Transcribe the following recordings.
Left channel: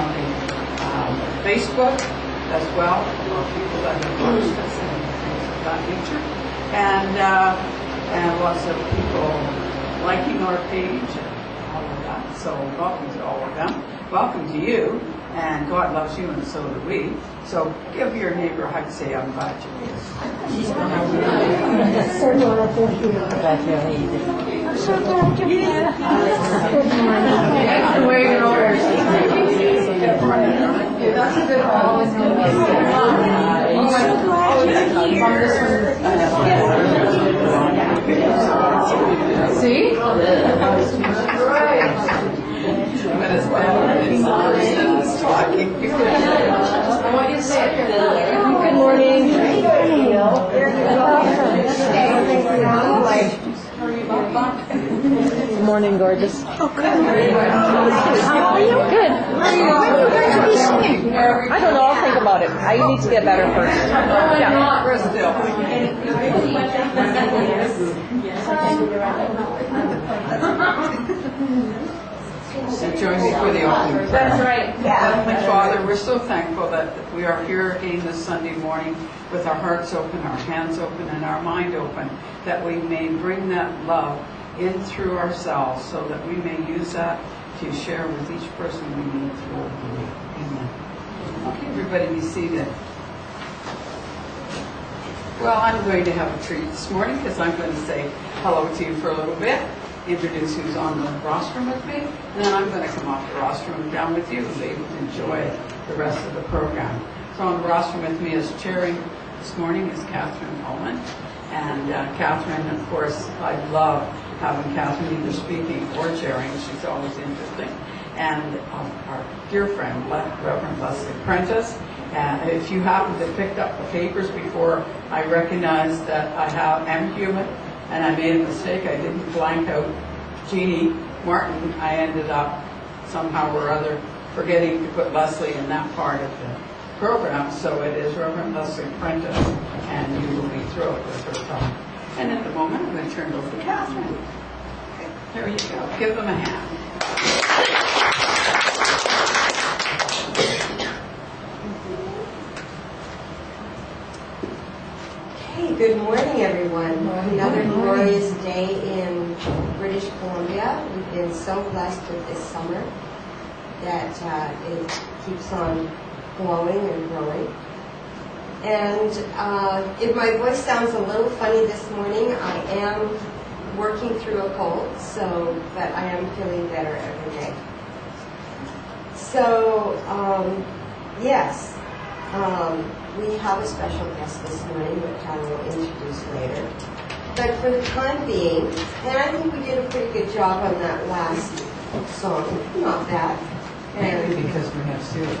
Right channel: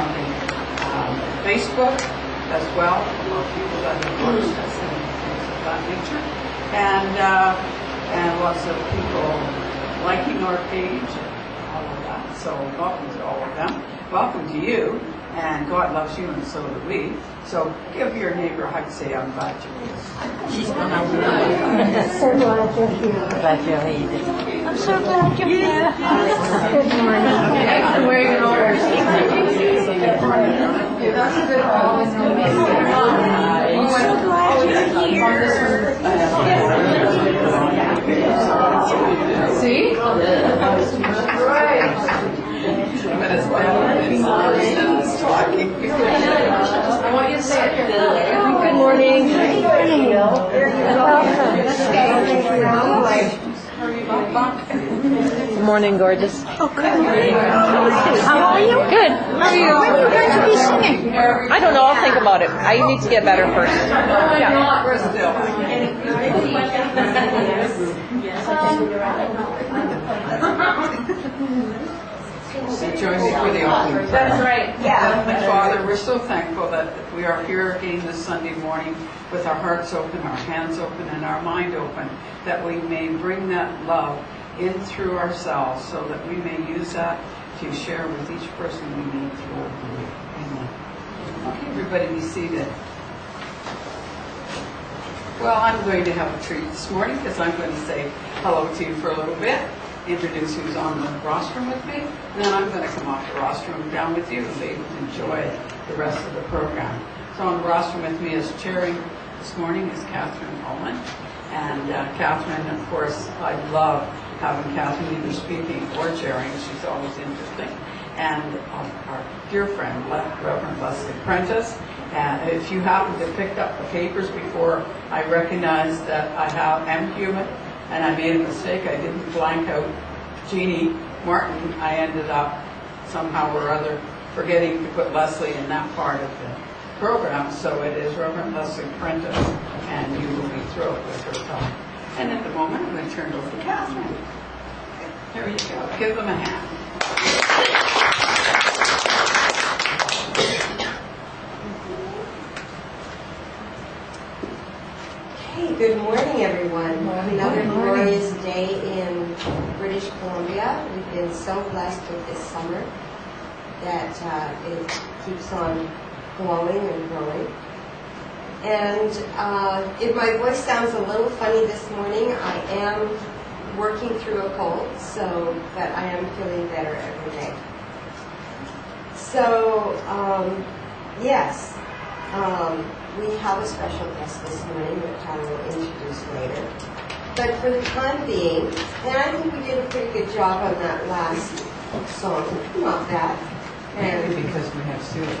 on the Facebook as well, about people that have watched us and things of that nature. And lots of people liking our page and all of that. So welcome to all of them. Welcome to you. And God loves you, and so do we. So give your neighbor a hug. Say, I'm glad you're here. She's going to So glad you're here. Glad you're here. I'm so glad you're here. Good morning. I'm wearing your orders. That's a good one. I'm so glad you're here. See? Right. But it's better talking. I want you to say it. Good morning. Good morning, gorgeous. Oh, good morning. How are you? Good. How are you? When are you going to be singing? I don't know. I'll think about it. I need to get better first. Yeah. We're still. So join me for the opening prayer. That's right. Yeah. Father, we're so thankful that we are here again this Sunday morning with our hearts open, our hands open, and our mind open, that we may bring that love in through ourselves so that we may use that to share with each person we meet through. Amen. Okay, everybody be seated. Well, I'm going to have a treat this morning because I'm going to say hello to you for a little bit, introduce who's on the rostrum with me, and then I'm going to come off the rostrum down with you and be able to enjoy the rest of the program. So on the rostrum with me as chairing this morning is Catherine Ullman. And Catherine, of course, I love having Catherine either speaking or chairing. She's always interesting. And our dear friend, Reverend Lesley Prentis. If you happen to pick up the papers before I recognized that I am human and I made a mistake, I didn't blank out Jeannie Martin. I ended up somehow or other forgetting to put Lesley in that part of the program. So it is Reverend Lesley Prentis, and you will be thrilled with her talk. And at the moment, I'm going to turn it over to Catherine. There you go. Give them a hand. Okay, good morning, everyone. Another glorious day in British Columbia. We've been so blessed with this summer that it keeps on glowing and growing. And if my voice sounds a little funny this morning, I am working through a cold, but I am feeling better every day. So, yes, we have a special guest this morning, which I will introduce later. But for the time being, and I think we did a pretty good job on that last song, not bad. Mainly because we have Celia.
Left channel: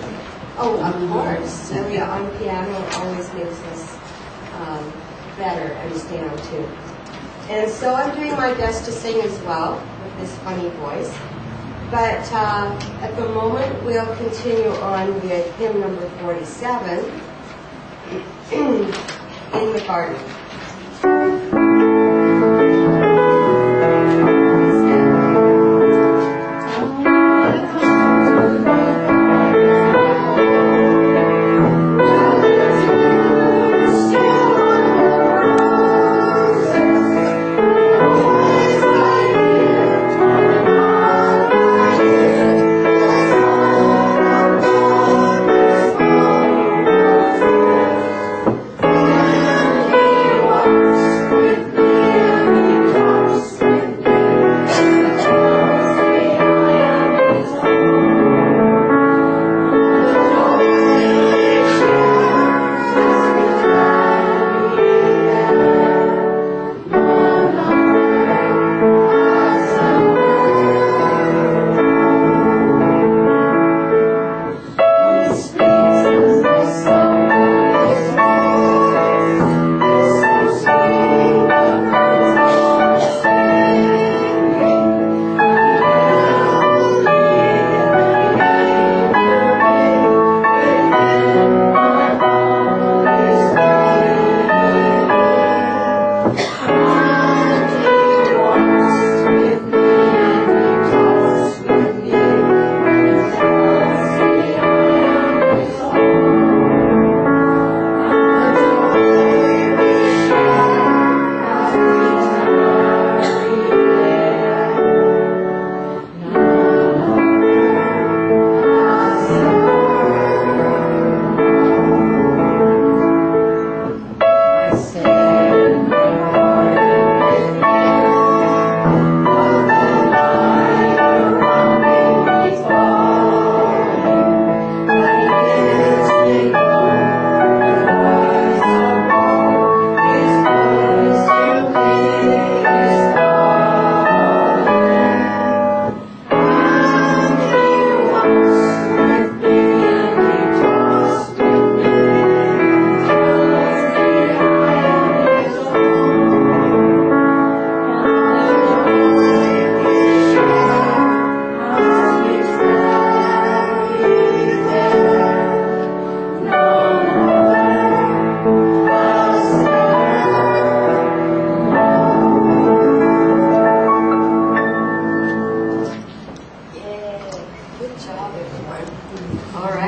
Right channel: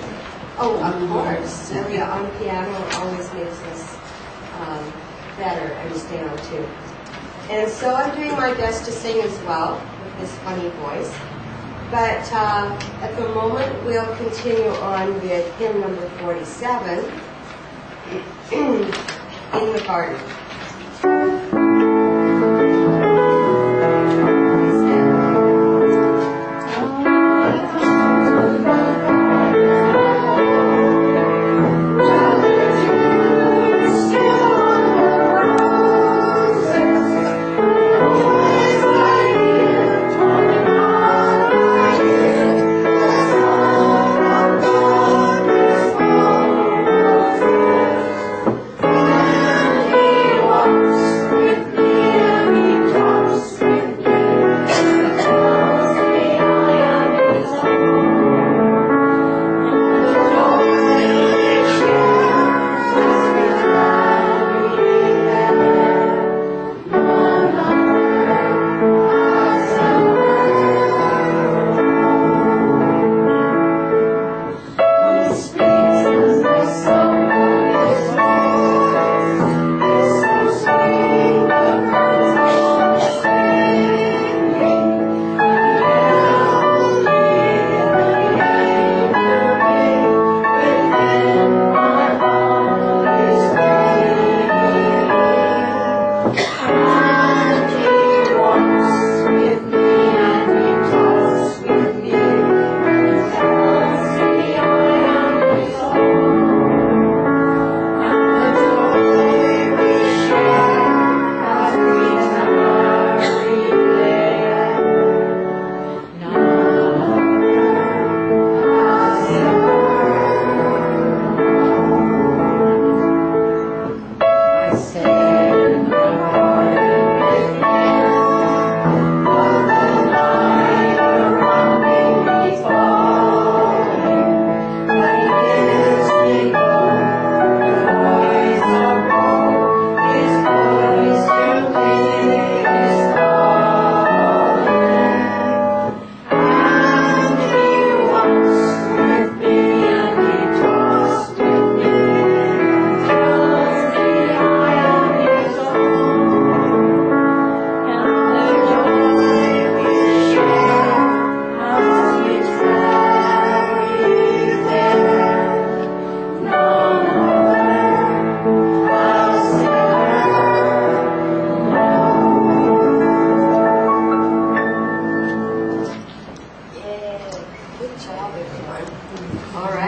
Oh, of course. Celia on piano always makes us better and stay on tune. And so I'm doing my best to sing as well with this funny voice. But at the moment, we'll continue on with hymn number 47, In the Garden.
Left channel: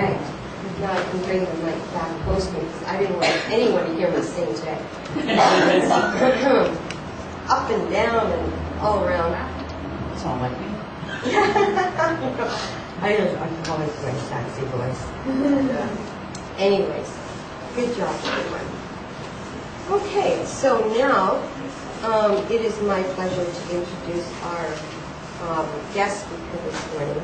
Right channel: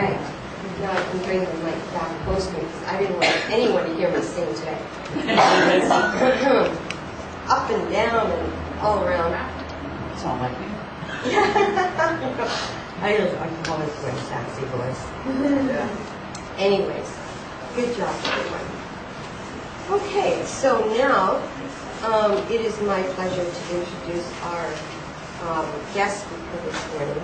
right. Now I can bring the mic back close to me because I didn't want anyone to hear me sing today. Up and down and all around. It's all like me. I'm always wearing sassy voice. Anyways, good job, everyone. Okay, so now it is my pleasure to introduce our guest speaker this morning,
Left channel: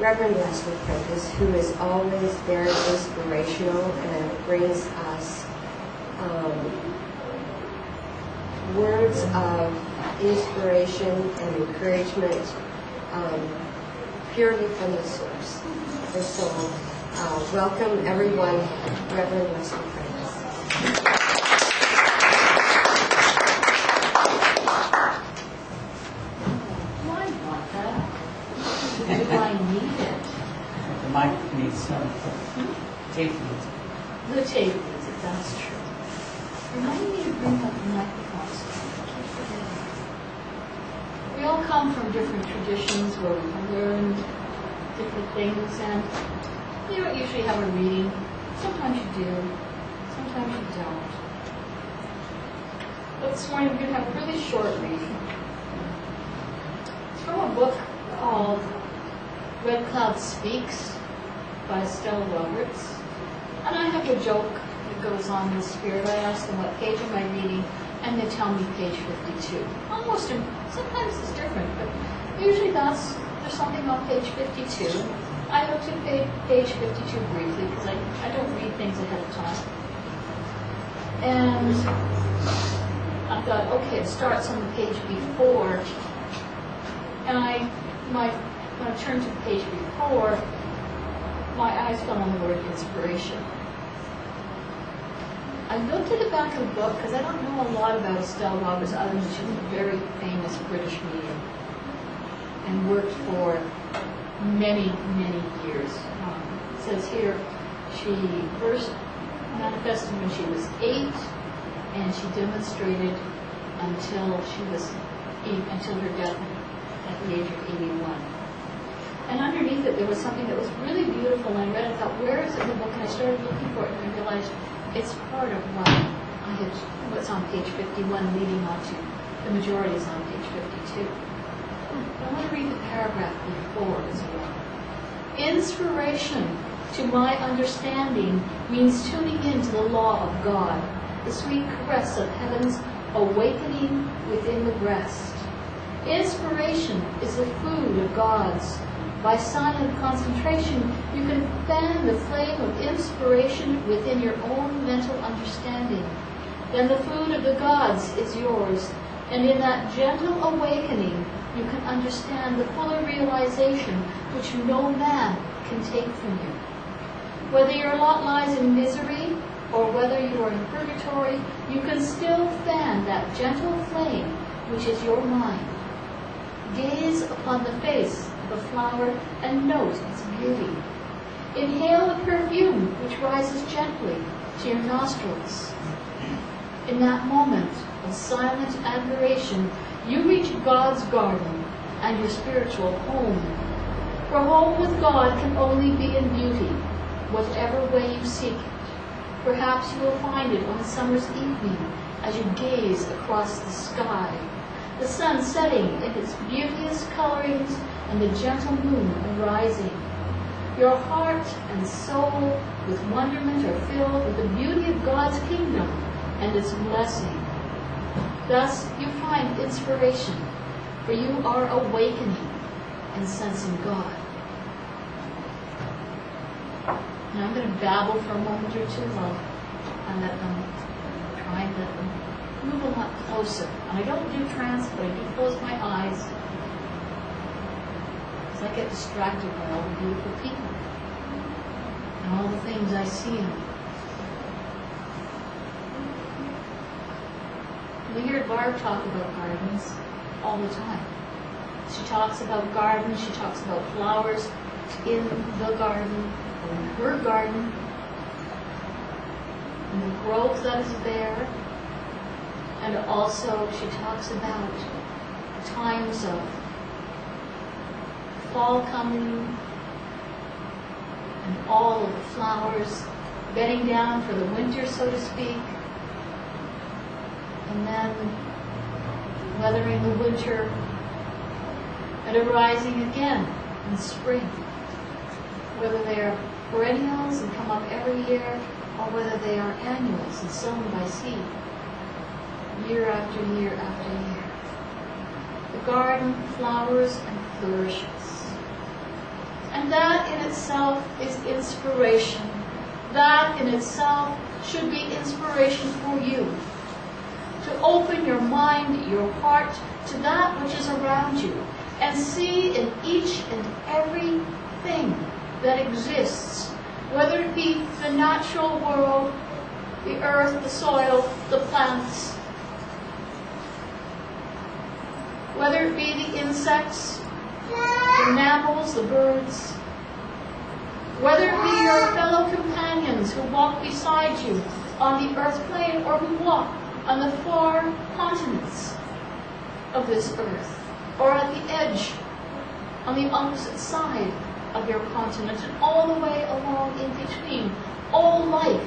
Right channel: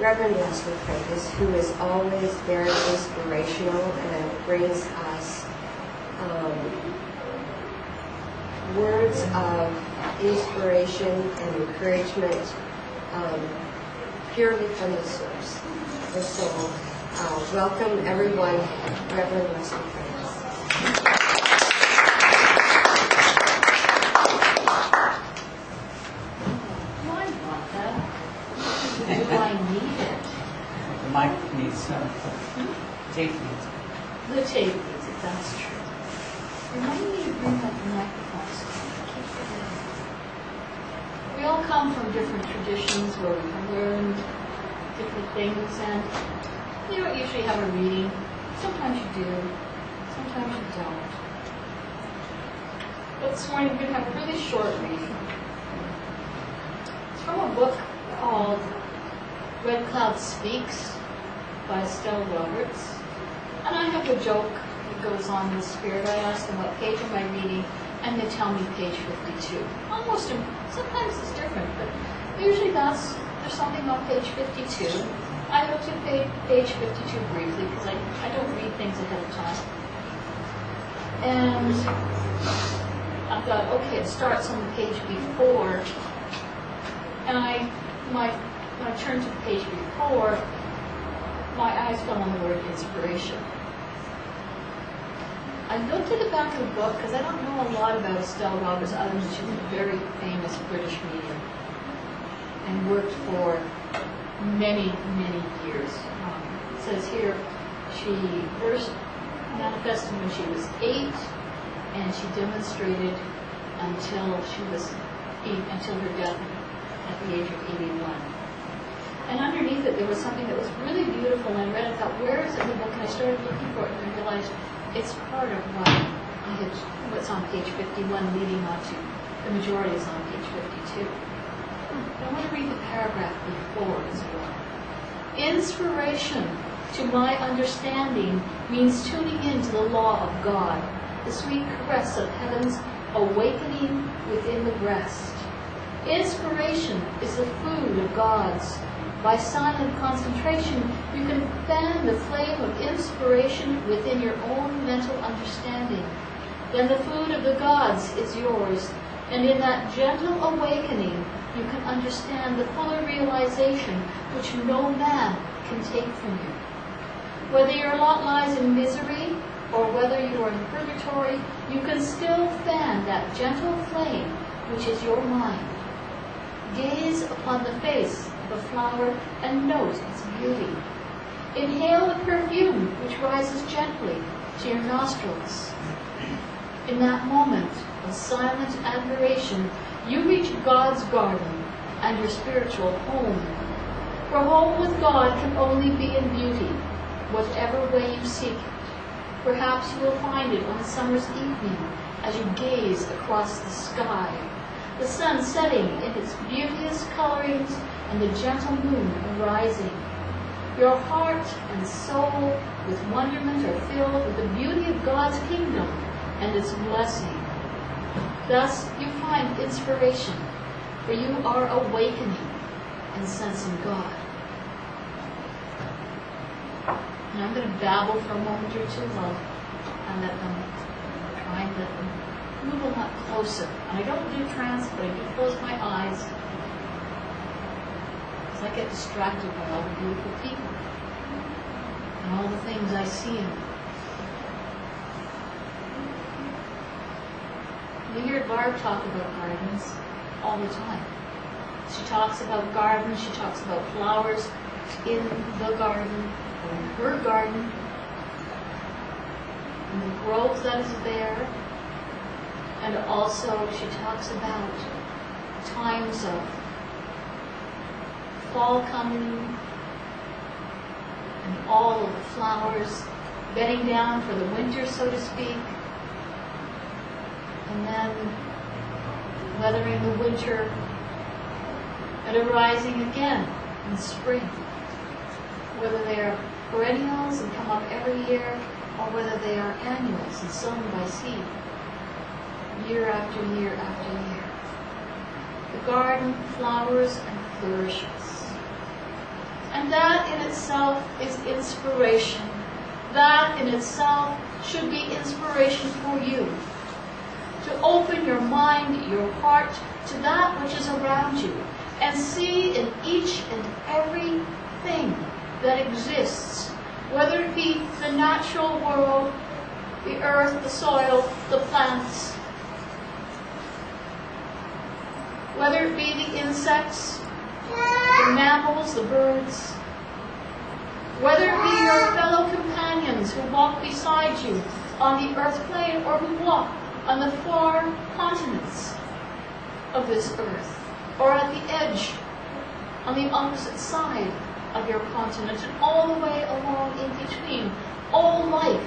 Reverend Lesley Prentis, who is always very inspirational and brings us words of inspiration and encouragement purely from the source. And so, welcome everyone, Reverend Lesley Prentis. Why want that? Do I need it? The mic needs some tape needs. The tape needs it, that's true. Remind me to bring up the microphones. We all come from different traditions where we've learned different things, and you don't usually have a reading. Sometimes you do, sometimes you don't. But this morning we're going to have a really short reading. It's from a book called Red Cloud Speaks by Estelle Roberts. And I have a joke that goes on in the spirit. I ask them what page am I reading, and they tell me page 52. Sometimes it's different, but usually there's something on page 52. I looked at page 52 briefly because I don't read things ahead of time. And I thought, okay, it starts on the page before. And when I turned to the page before, my eyes fell on the word inspiration. I looked at the back of the book because I don't know a lot about Estelle Roberts other than she's a very famous British medium and worked for many, many years. It says here she first manifested when she was 8, and she demonstrated until her death at the age of 81. And underneath it, there was something that was really beautiful, and I read it, I thought, where is it in the book? And I started looking for it, and I realized it's part of what's on page 51, leading on to the majority is on page 52. But I want to read the paragraph before as well. Inspiration, to my understanding, means tuning into the law of God, the sweet caress of heaven's awakening within the breast. Inspiration is the food of God's. By silent concentration, you can fan the flame of inspiration within your own mental understanding. Then the food of the gods is yours, and in that gentle awakening, you can understand the fuller realization which no man can take from you. Whether your lot lies in misery, or whether you are in purgatory, you can still fan that gentle flame which is your mind. Gaze upon the face of a flower and note its beauty. Inhale the perfume which rises gently to your nostrils. In that moment of silent admiration, you reach God's garden and your spiritual home. For home with God can only be in beauty, whatever way you seek it. Perhaps you will find it on a summer's evening as you gaze across the sky, the sun setting in its beauteous colorings and the gentle moon arising. Your heart and soul with wonderment are filled with the beauty of God's kingdom and its blessing. Thus you find inspiration, for you are awakening and sensing God. Now I'm going to babble for a moment or two and let them try and let them move a lot closer. And I don't do trance, but I do close my eyes because I get distracted by all the beautiful people and all the things I see in them. We hear Barb talk about gardens all the time. She talks about gardens, she talks about flowers in the garden, or in her garden, and the growth that is there. And also she talks about times of fall coming, and all of the flowers bedding down for the winter, so to speak, and then weathering the winter and arising again in spring, whether they are perennials and come up every year, or whether they are annuals and sown by seed, year after year after year. The garden flowers and flourishes. And that in itself is inspiration. That in itself should be inspiration for you. To open your mind, your heart, to that which is around you, and see in each and every thing that exists, whether it be the natural world, the earth, the soil, the plants, whether it be the insects, the mammals, the birds, whether it be your fellow companions who walk beside you on the earth plane or who walk on the far continents of this earth, or at the edge on the opposite side of your continent, and all the way along in between. All life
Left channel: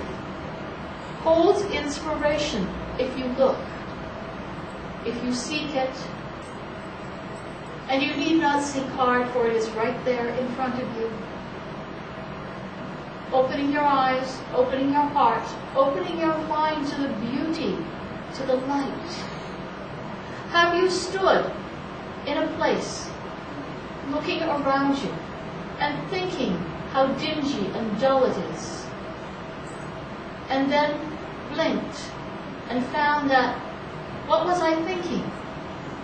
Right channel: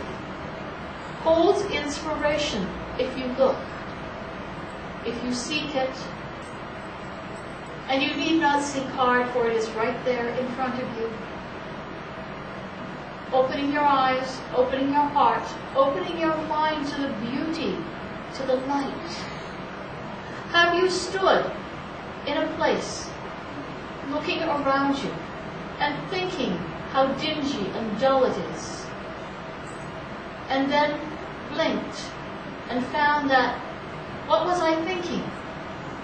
holds inspiration if you look, if you seek it, and you need not seek hard, for it is right there in front of you. Opening your eyes, opening your heart, opening your mind to the beauty, to the light. Have you stood in a place, looking around you, and thinking how dingy and dull it is, and then blinked and found that, what was I thinking?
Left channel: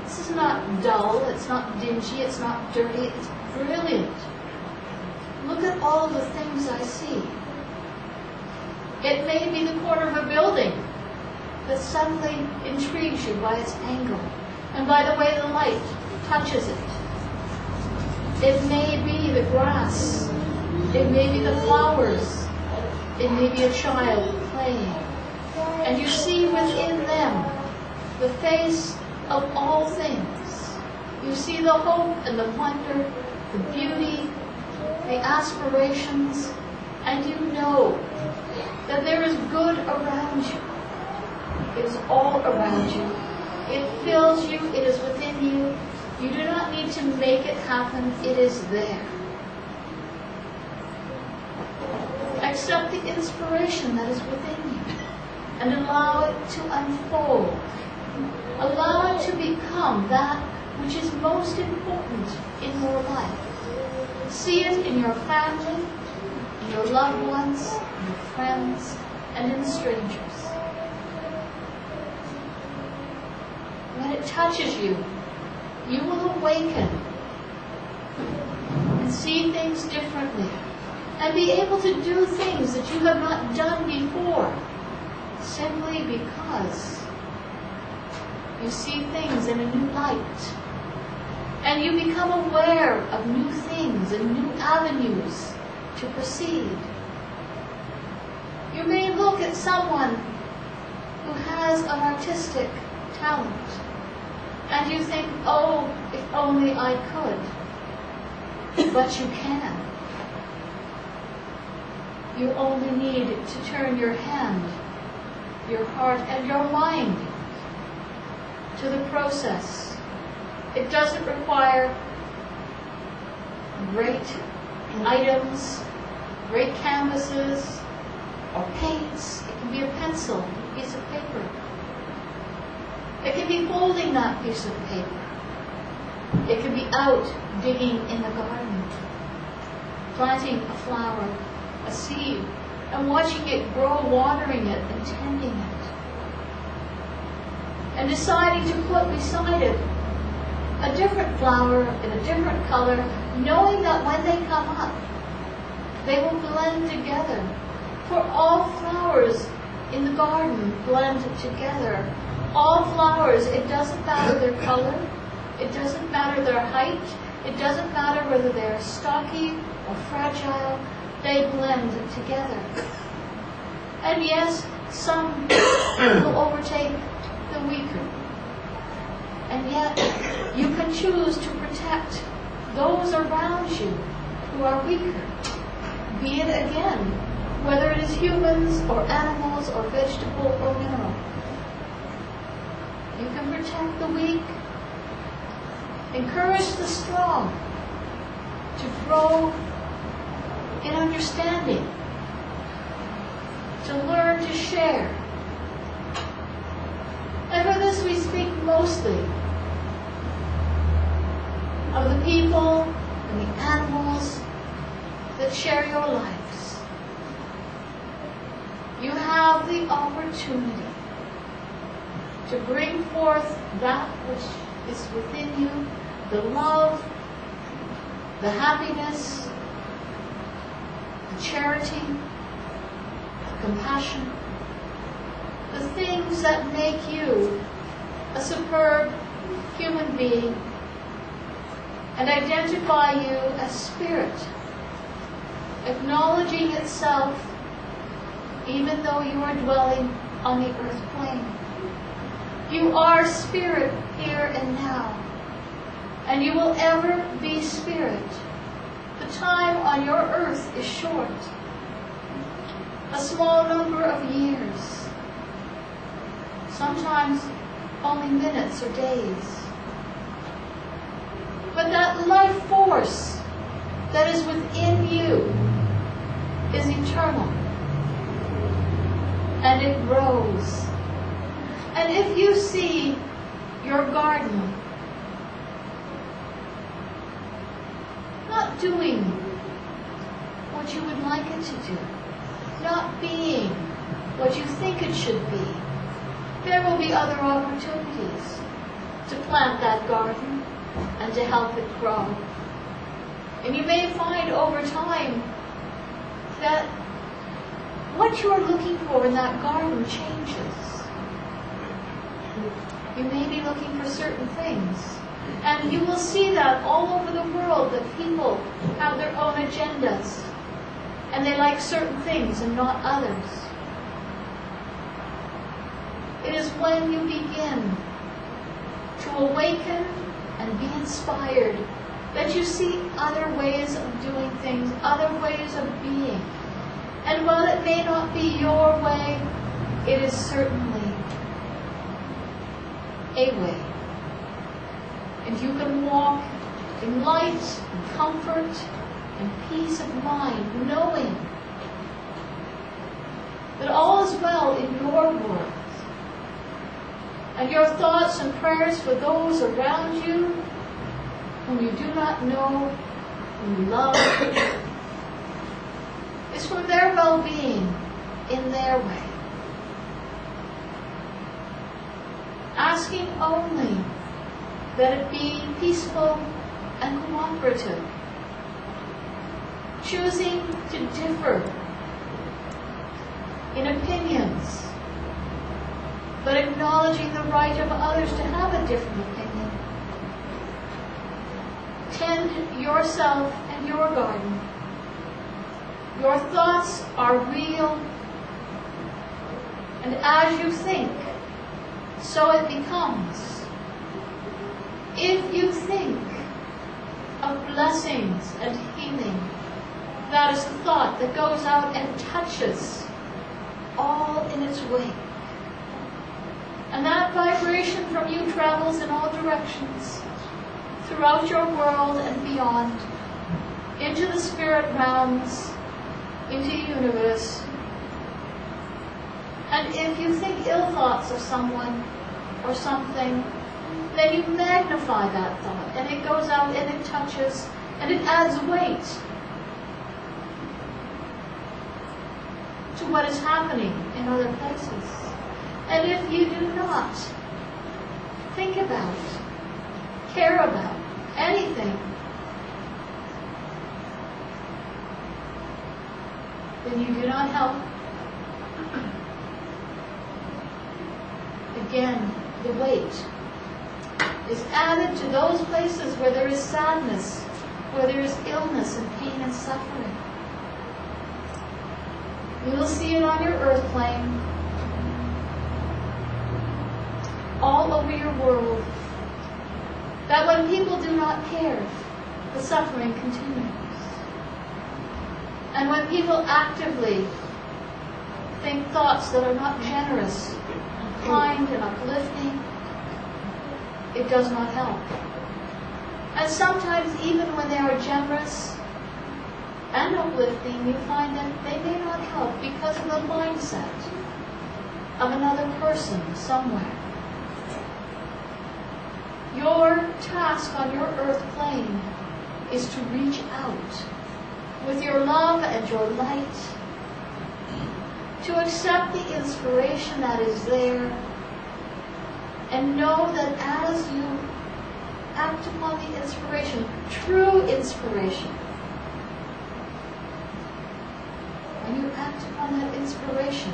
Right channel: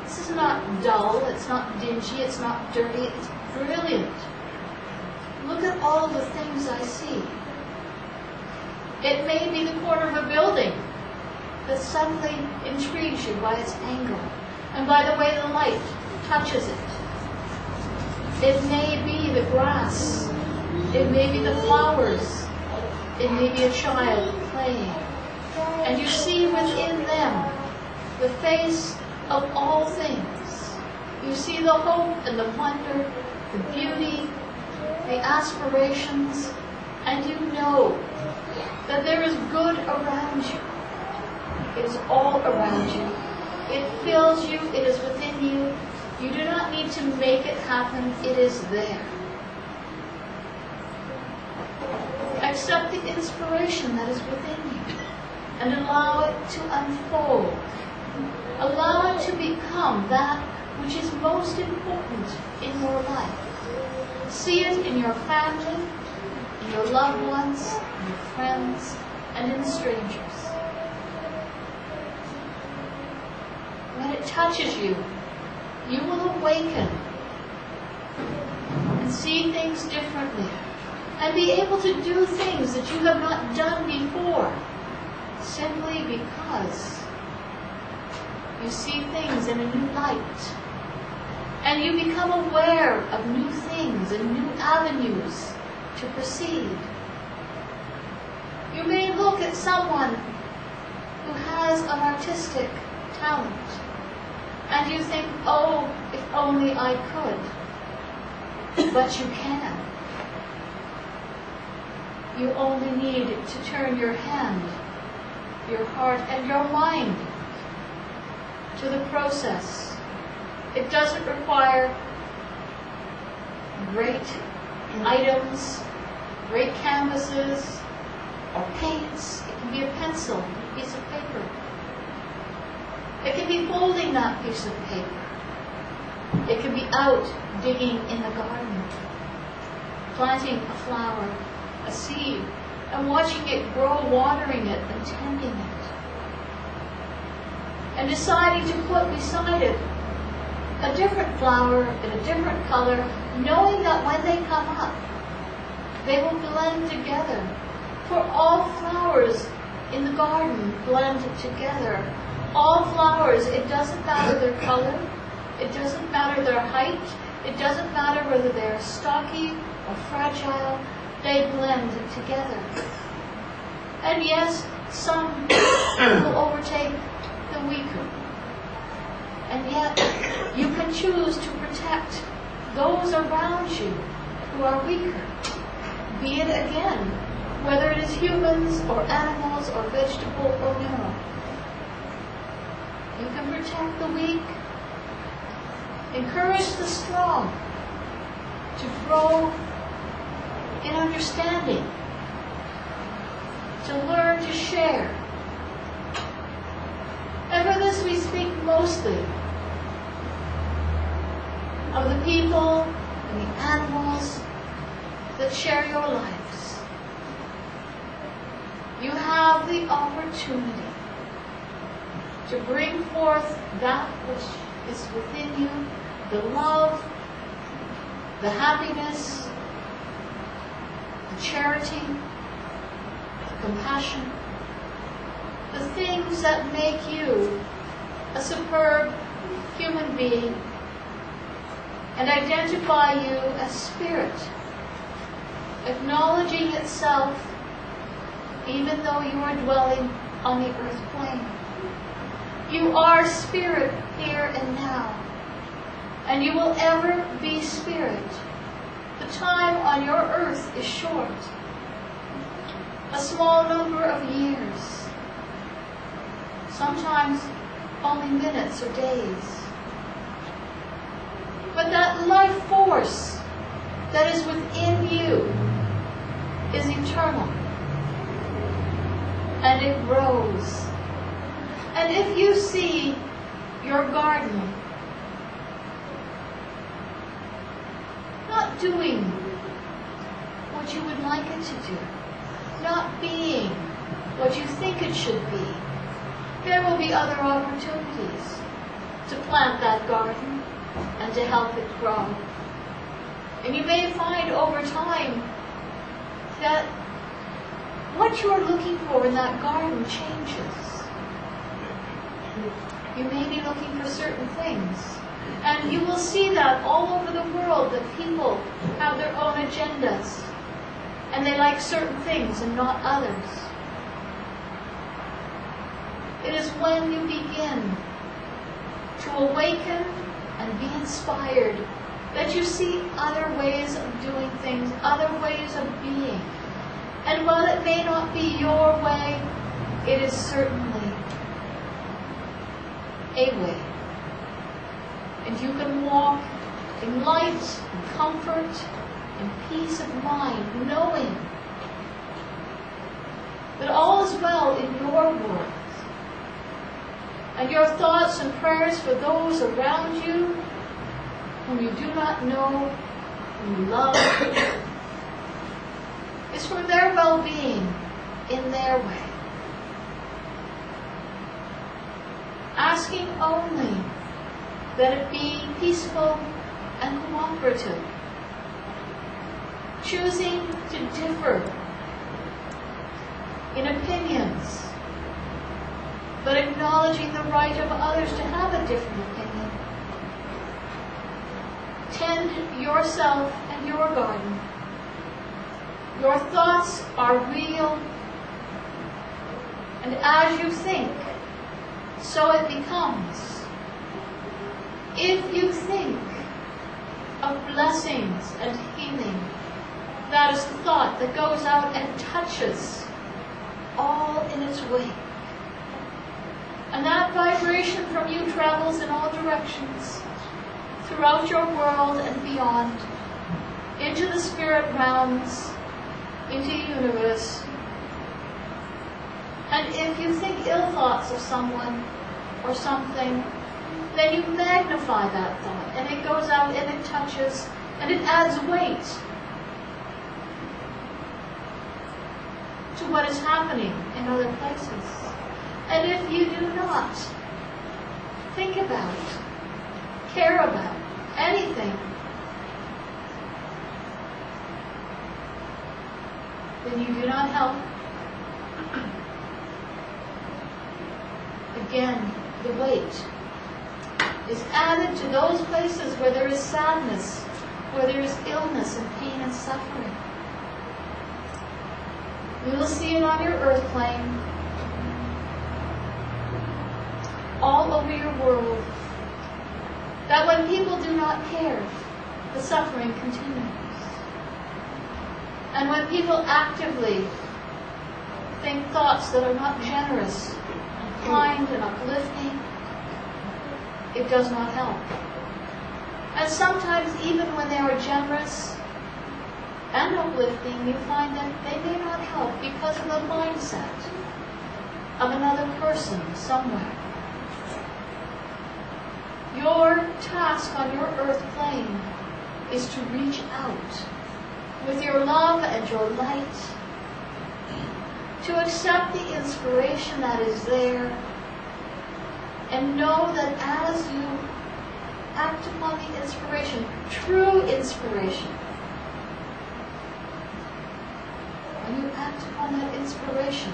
This is not dull, it's not dingy, it's not dirty, it's brilliant. Look at all the things I see. It may be the corner of a building that suddenly intrigues you by its angle and by the way the light touches it. It may be the grass. It may be the flowers. It may be a child playing. And you see within them the face of all things. You see the hope and the wonder, the beauty, the aspirations, and you know that there is good around you. It is all around you. It fills you. It is within you. You do not need to make it happen. It is there. Accept the inspiration that is within you and allow it to unfold. Allow it to become that which is most important in your life. See it in your family, in your loved ones, in your friends, and in strangers. When it touches you, you will awaken and see things differently and be able to do things that you have not done before, simply because you see things in a new light. And you become aware of new things and new avenues to proceed. You may look at someone who has an artistic talent, and you think, oh, if only I could. But you can. You only need to turn your hand, your heart, and your mind to the process. It doesn't require great items, great canvases, or paints. It can be a pencil, a piece of paper. It can be folding that piece of paper. It can be out digging in the garden, planting a flower, a seed, and watching it grow, watering it and tending it. And deciding to put beside it a different flower in a different color, knowing that when they come up, they will blend together. For all flowers in the garden blend together. All flowers, it doesn't matter their color, it doesn't matter their height, it doesn't matter whether they're stocky or fragile, they blend together. And yes, some will overtake the weaker. And yet, you can choose to protect those around you who are weaker. be it again, whether it is humans or animals or vegetable or mineral. You can protect the weak, encourage the strong to grow in understanding, to learn to share. And for this we speak mostly of the people and the animals that share your lives. You have the opportunity to bring forth that which is within you, the love, the happiness, the charity, the compassion, the things that make you a superb human being and identify you as spirit, acknowledging itself even though you are dwelling on the earth plane. You are spirit here and now, and you will ever be spirit. The time on your earth is short, a small number of years, sometimes only minutes or days. But that life force that is within you is eternal, and it grows. And if you see your garden not doing what you would like it to do, not being what you think it should be, there will be other opportunities to plant that garden and to help it grow. And you may find over time that what you are looking for in that garden changes. You may be looking for certain things. And you will see that all over the world, that people have their own agendas. And they like certain things and not others. It is when you begin to awaken and be inspired that you see other ways of doing things, other ways of being. And while it may not be your way, it is certainly a way. And you can walk in light and comfort and peace of mind, knowing that all is well in your world. And your thoughts and prayers for those around you whom you do not know, whom you love, is for their well-being in their way. Asking only that it be peaceful and cooperative. Choosing to differ in opinions, but acknowledging the right of others to have a different opinion. Tend yourself and your garden. Your thoughts are real, and as you think, so it becomes. If you think of blessings and healing, that is the thought that goes out and touches all in its wake. And that vibration from you travels in all directions, throughout your world and beyond, into the spirit realms, into the universe. And if you think ill thoughts of someone or something, then you magnify that thought, and it goes out and it touches, and it adds weight to what is happening in other places. And if you do not think about, care about anything, then you do not help. Again, the weight is added to those places where there is sadness, where there is illness and pain and suffering. You will see it on your earth plane, all over your world, that when people do not care, the suffering continues. And when people actively think thoughts that are not generous and kind and uplifting, it does not help. And sometimes even when they are generous and uplifting, you find that they may not help because of the mindset of another person somewhere. Your task on your earth plane is to reach out with your love and your light, to accept the inspiration that is there, and know that as you act upon the inspiration, true inspiration, when you act upon that inspiration,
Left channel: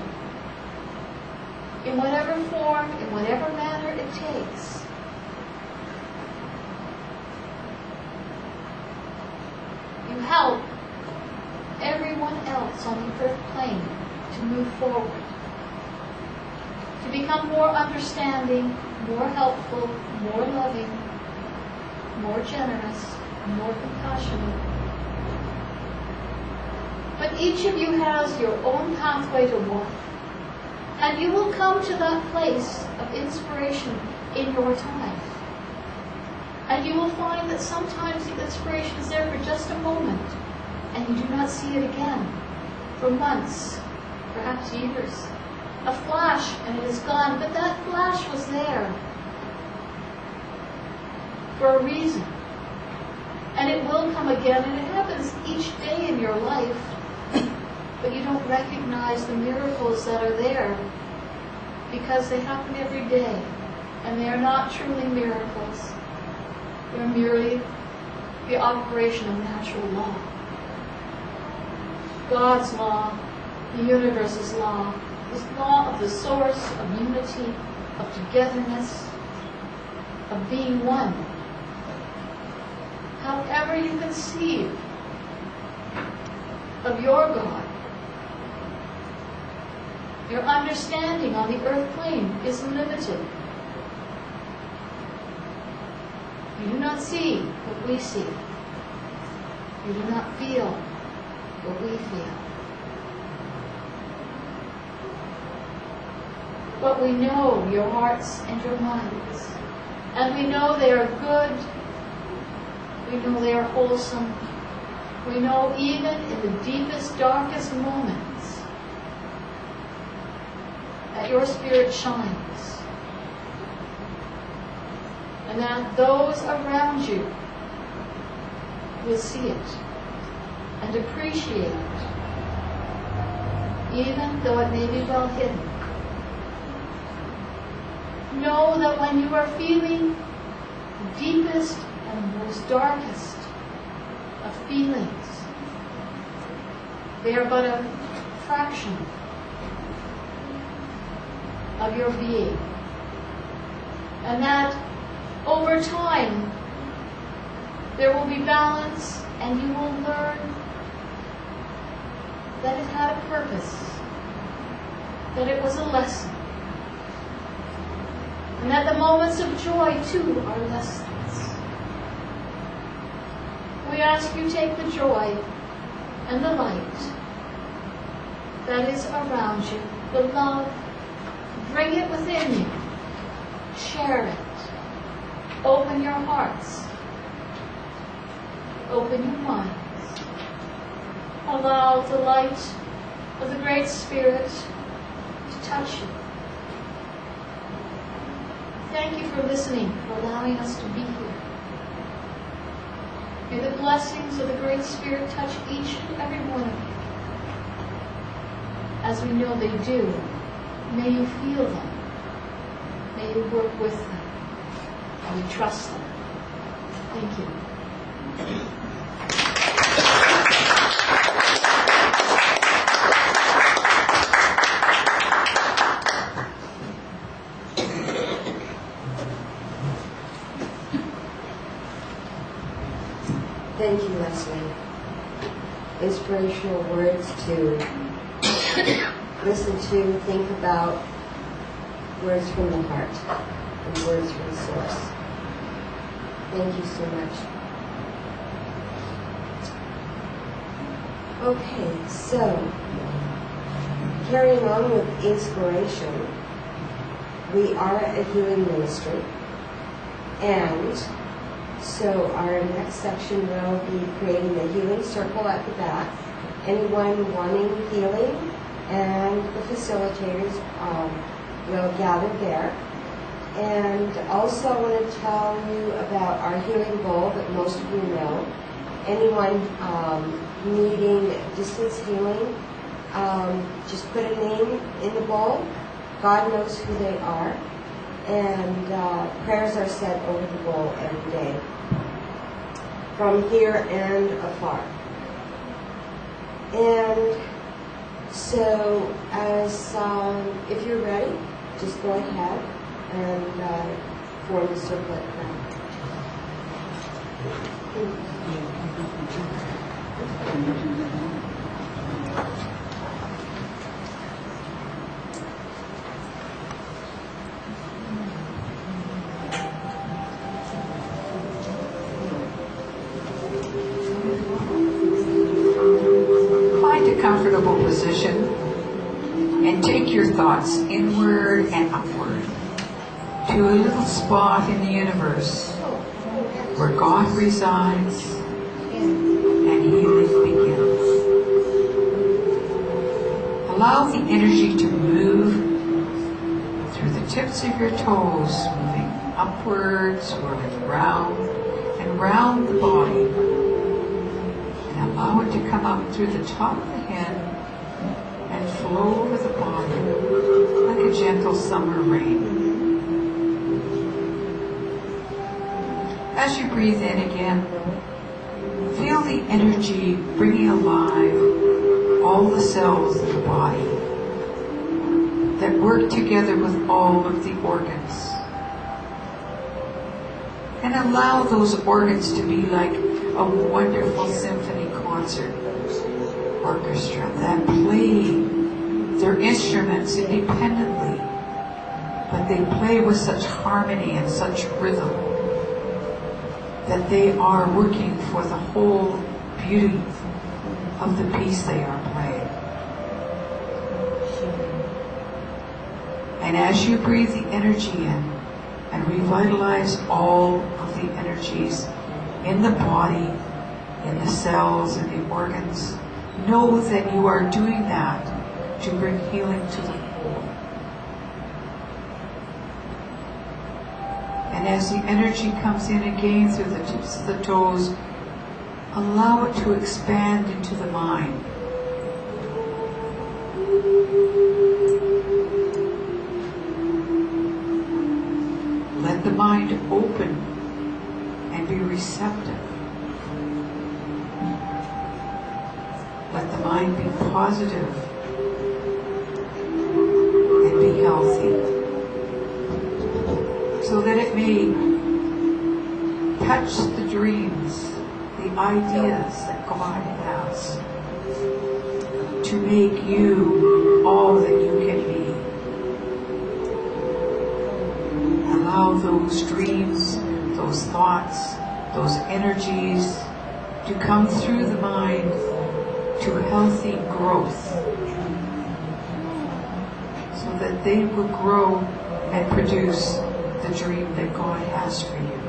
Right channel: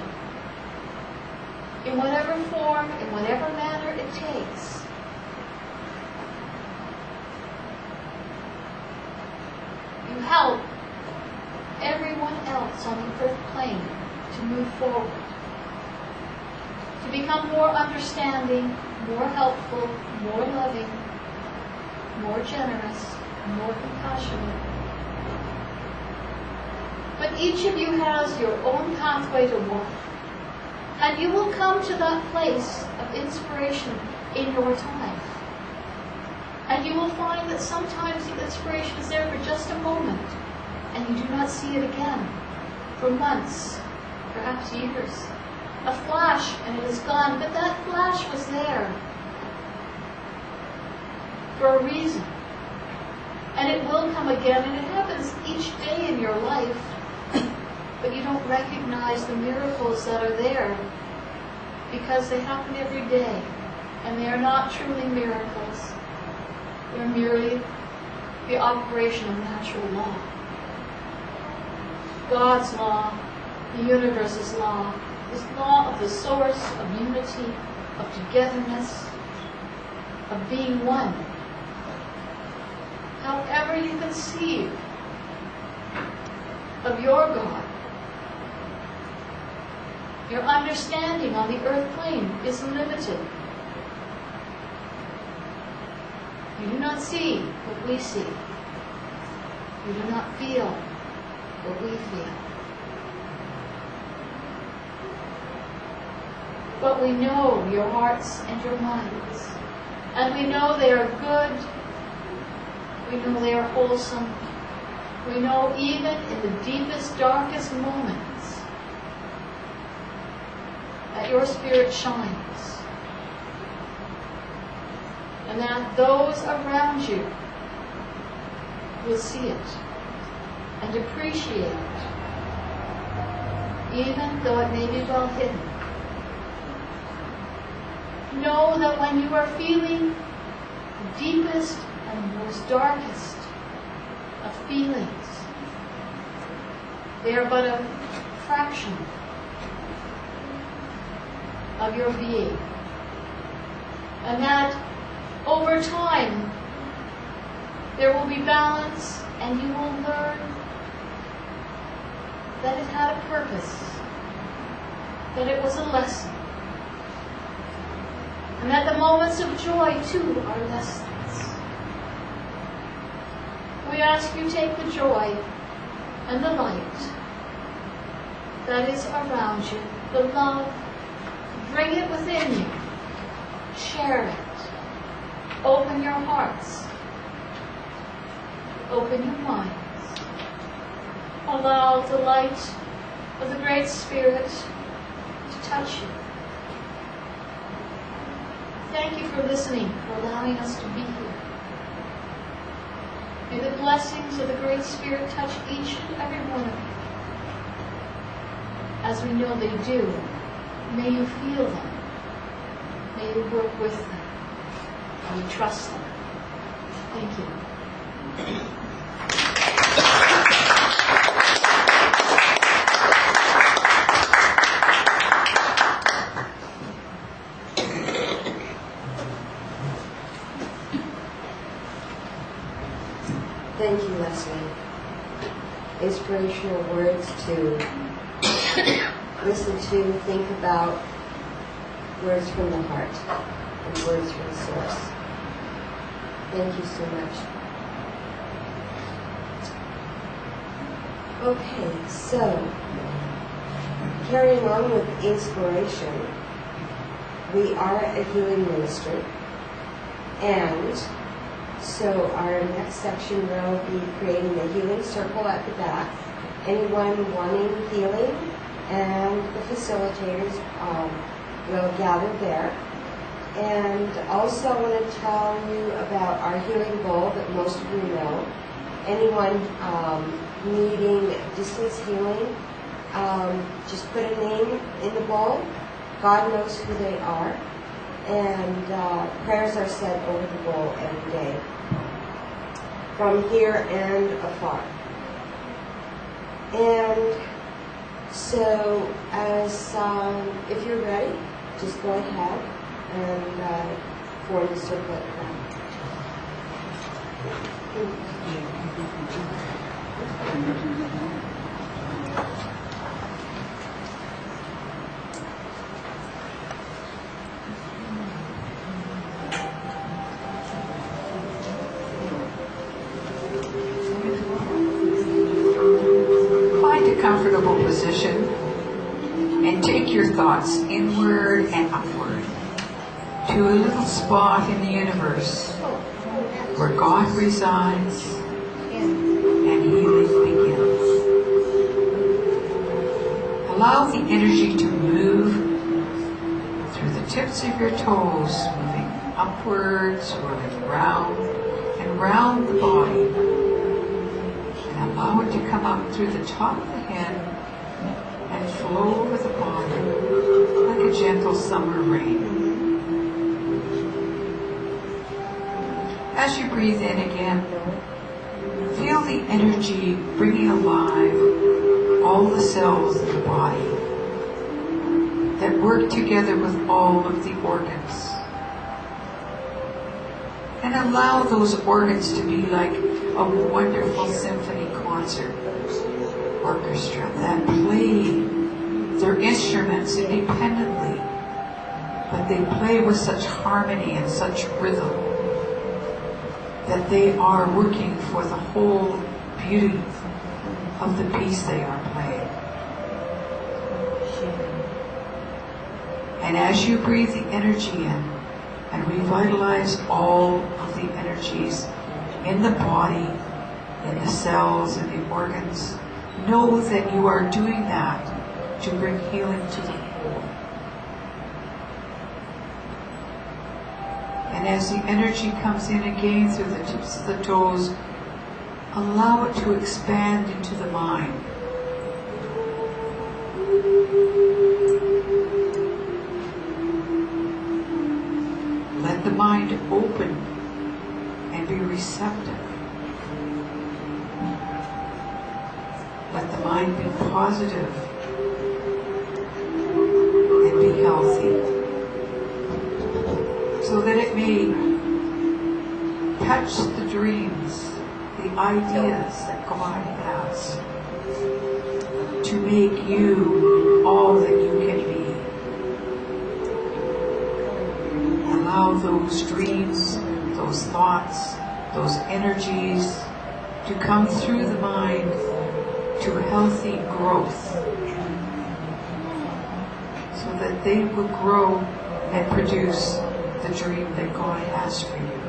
in whatever form, in whatever manner it takes, you help everyone else on the earth plane to move forward, to become more understanding, more helpful, more loving, more generous, more compassionate. But each of you has your own pathway to walk, and you will come to that place of inspiration in your time. And you will find that sometimes the inspiration is there for just a moment, and you do not see it again for months, perhaps years. A flash and it is gone, but that flash was there for a reason. And it will come again, and it happens each day in your life, but you don't recognize the miracles that are there because they happen every day, and they are not truly miracles. They're merely the operation of natural law. God's law, the universe's law, is law of the source, of unity, of togetherness, of being one. However you conceive of your God, your understanding on the earth plane is limited. You do not see what we see. You do not feel what we feel. But we know your hearts and your minds. And we know they are good. We know they are wholesome. We know even in the deepest, darkest moments that your spirit shines. And that those around you will see it and appreciate it, even though it may be well hidden. Know that when you are feeling the deepest and most darkest of feelings, they are but a fraction of your being. And that over time, there will be balance, and you will learn that it had a purpose, that it was a lesson, and that the moments of joy, too, are lessons. We ask you take the joy and the light that is around you, the love, bring it within you, share it. Open your hearts. Open your minds. Allow the light of the Great Spirit to touch you. Thank you for listening, for allowing us to be here. May the blessings of the Great Spirit touch each and every one of you. As we know they do, may you feel them. May you work with them. And we trust them. Thank you. Thank you, Lesley. Inspirational words to listen to, think about, words from the heart, and words from the source. Thank you so much. Okay, so carrying on with inspiration, we are a healing ministry, and so our next section will be creating the healing circle at the back. Anyone wanting healing and the facilitators will gather there. And also I want to tell you about our healing bowl that most of you know. Anyone needing distance healing, just put a name in the bowl. God knows who they are. And prayers are said over the bowl every day, from here and afar. And so, as if you're ready, just go ahead and form the circle at the back. Find a comfortable position and take your thoughts inward and upward to a little spot in the universe where God resides and healing begins. Allow the energy to move through the tips of your toes, moving upwards, swirling round and round the body. And allow it to come up through the top of the head and flow over the body like a gentle summer rain. As you breathe in again, feel the energy bringing alive all the cells in the body that work together with all of the organs. And allow those organs to be like a wonderful symphony concert orchestra that play their instruments independently, but they play with such harmony and such rhythm that they are working for the whole beauty of the piece they are playing. And as you breathe the energy in and revitalize all of the energies in the body, in the cells, in the organs, know that you are doing that to bring healing to the whole. And as the energy comes in again through the tips of the toes, allow it to expand into the mind. Let the mind open and be receptive. Let the mind be positive and be healthy, so that it may touch the dreams, the ideas that God has to make you all that you can be. Allow those dreams, those thoughts, those energies to come through the mind to healthy growth, so that they will grow and produce the dream that God has for you.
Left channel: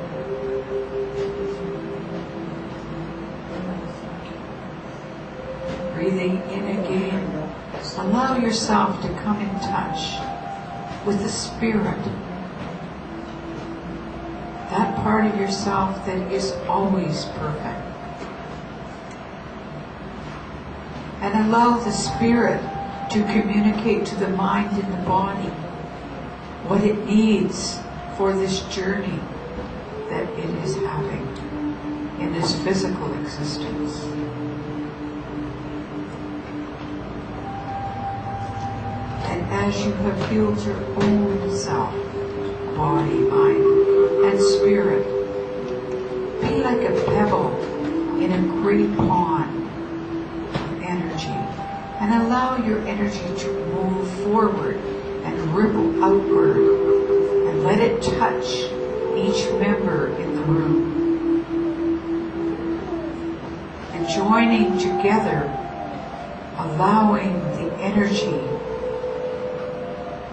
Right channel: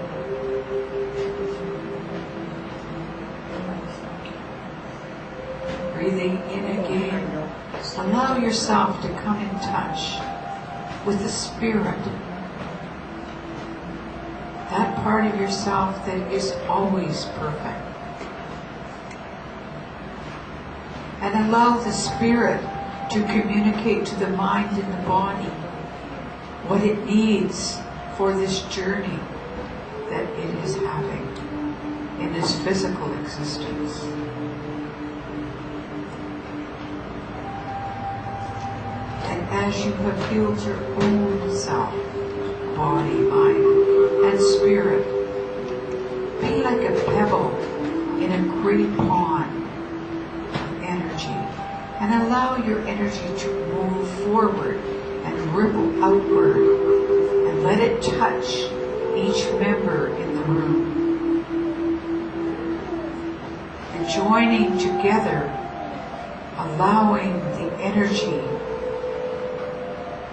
Breathing in again, allow yourself to come in touch with the Spirit, that part of yourself that is always perfect. And allow the Spirit to communicate to the mind and the body what it needs for this journey that it is having in this physical existence. And as you have healed your own self, body, mind, and spirit, be like a pebble in a great pond of energy, and allow your energy to move forward and ripple outward, and let it touch each member in the room. And joining together allowing the energy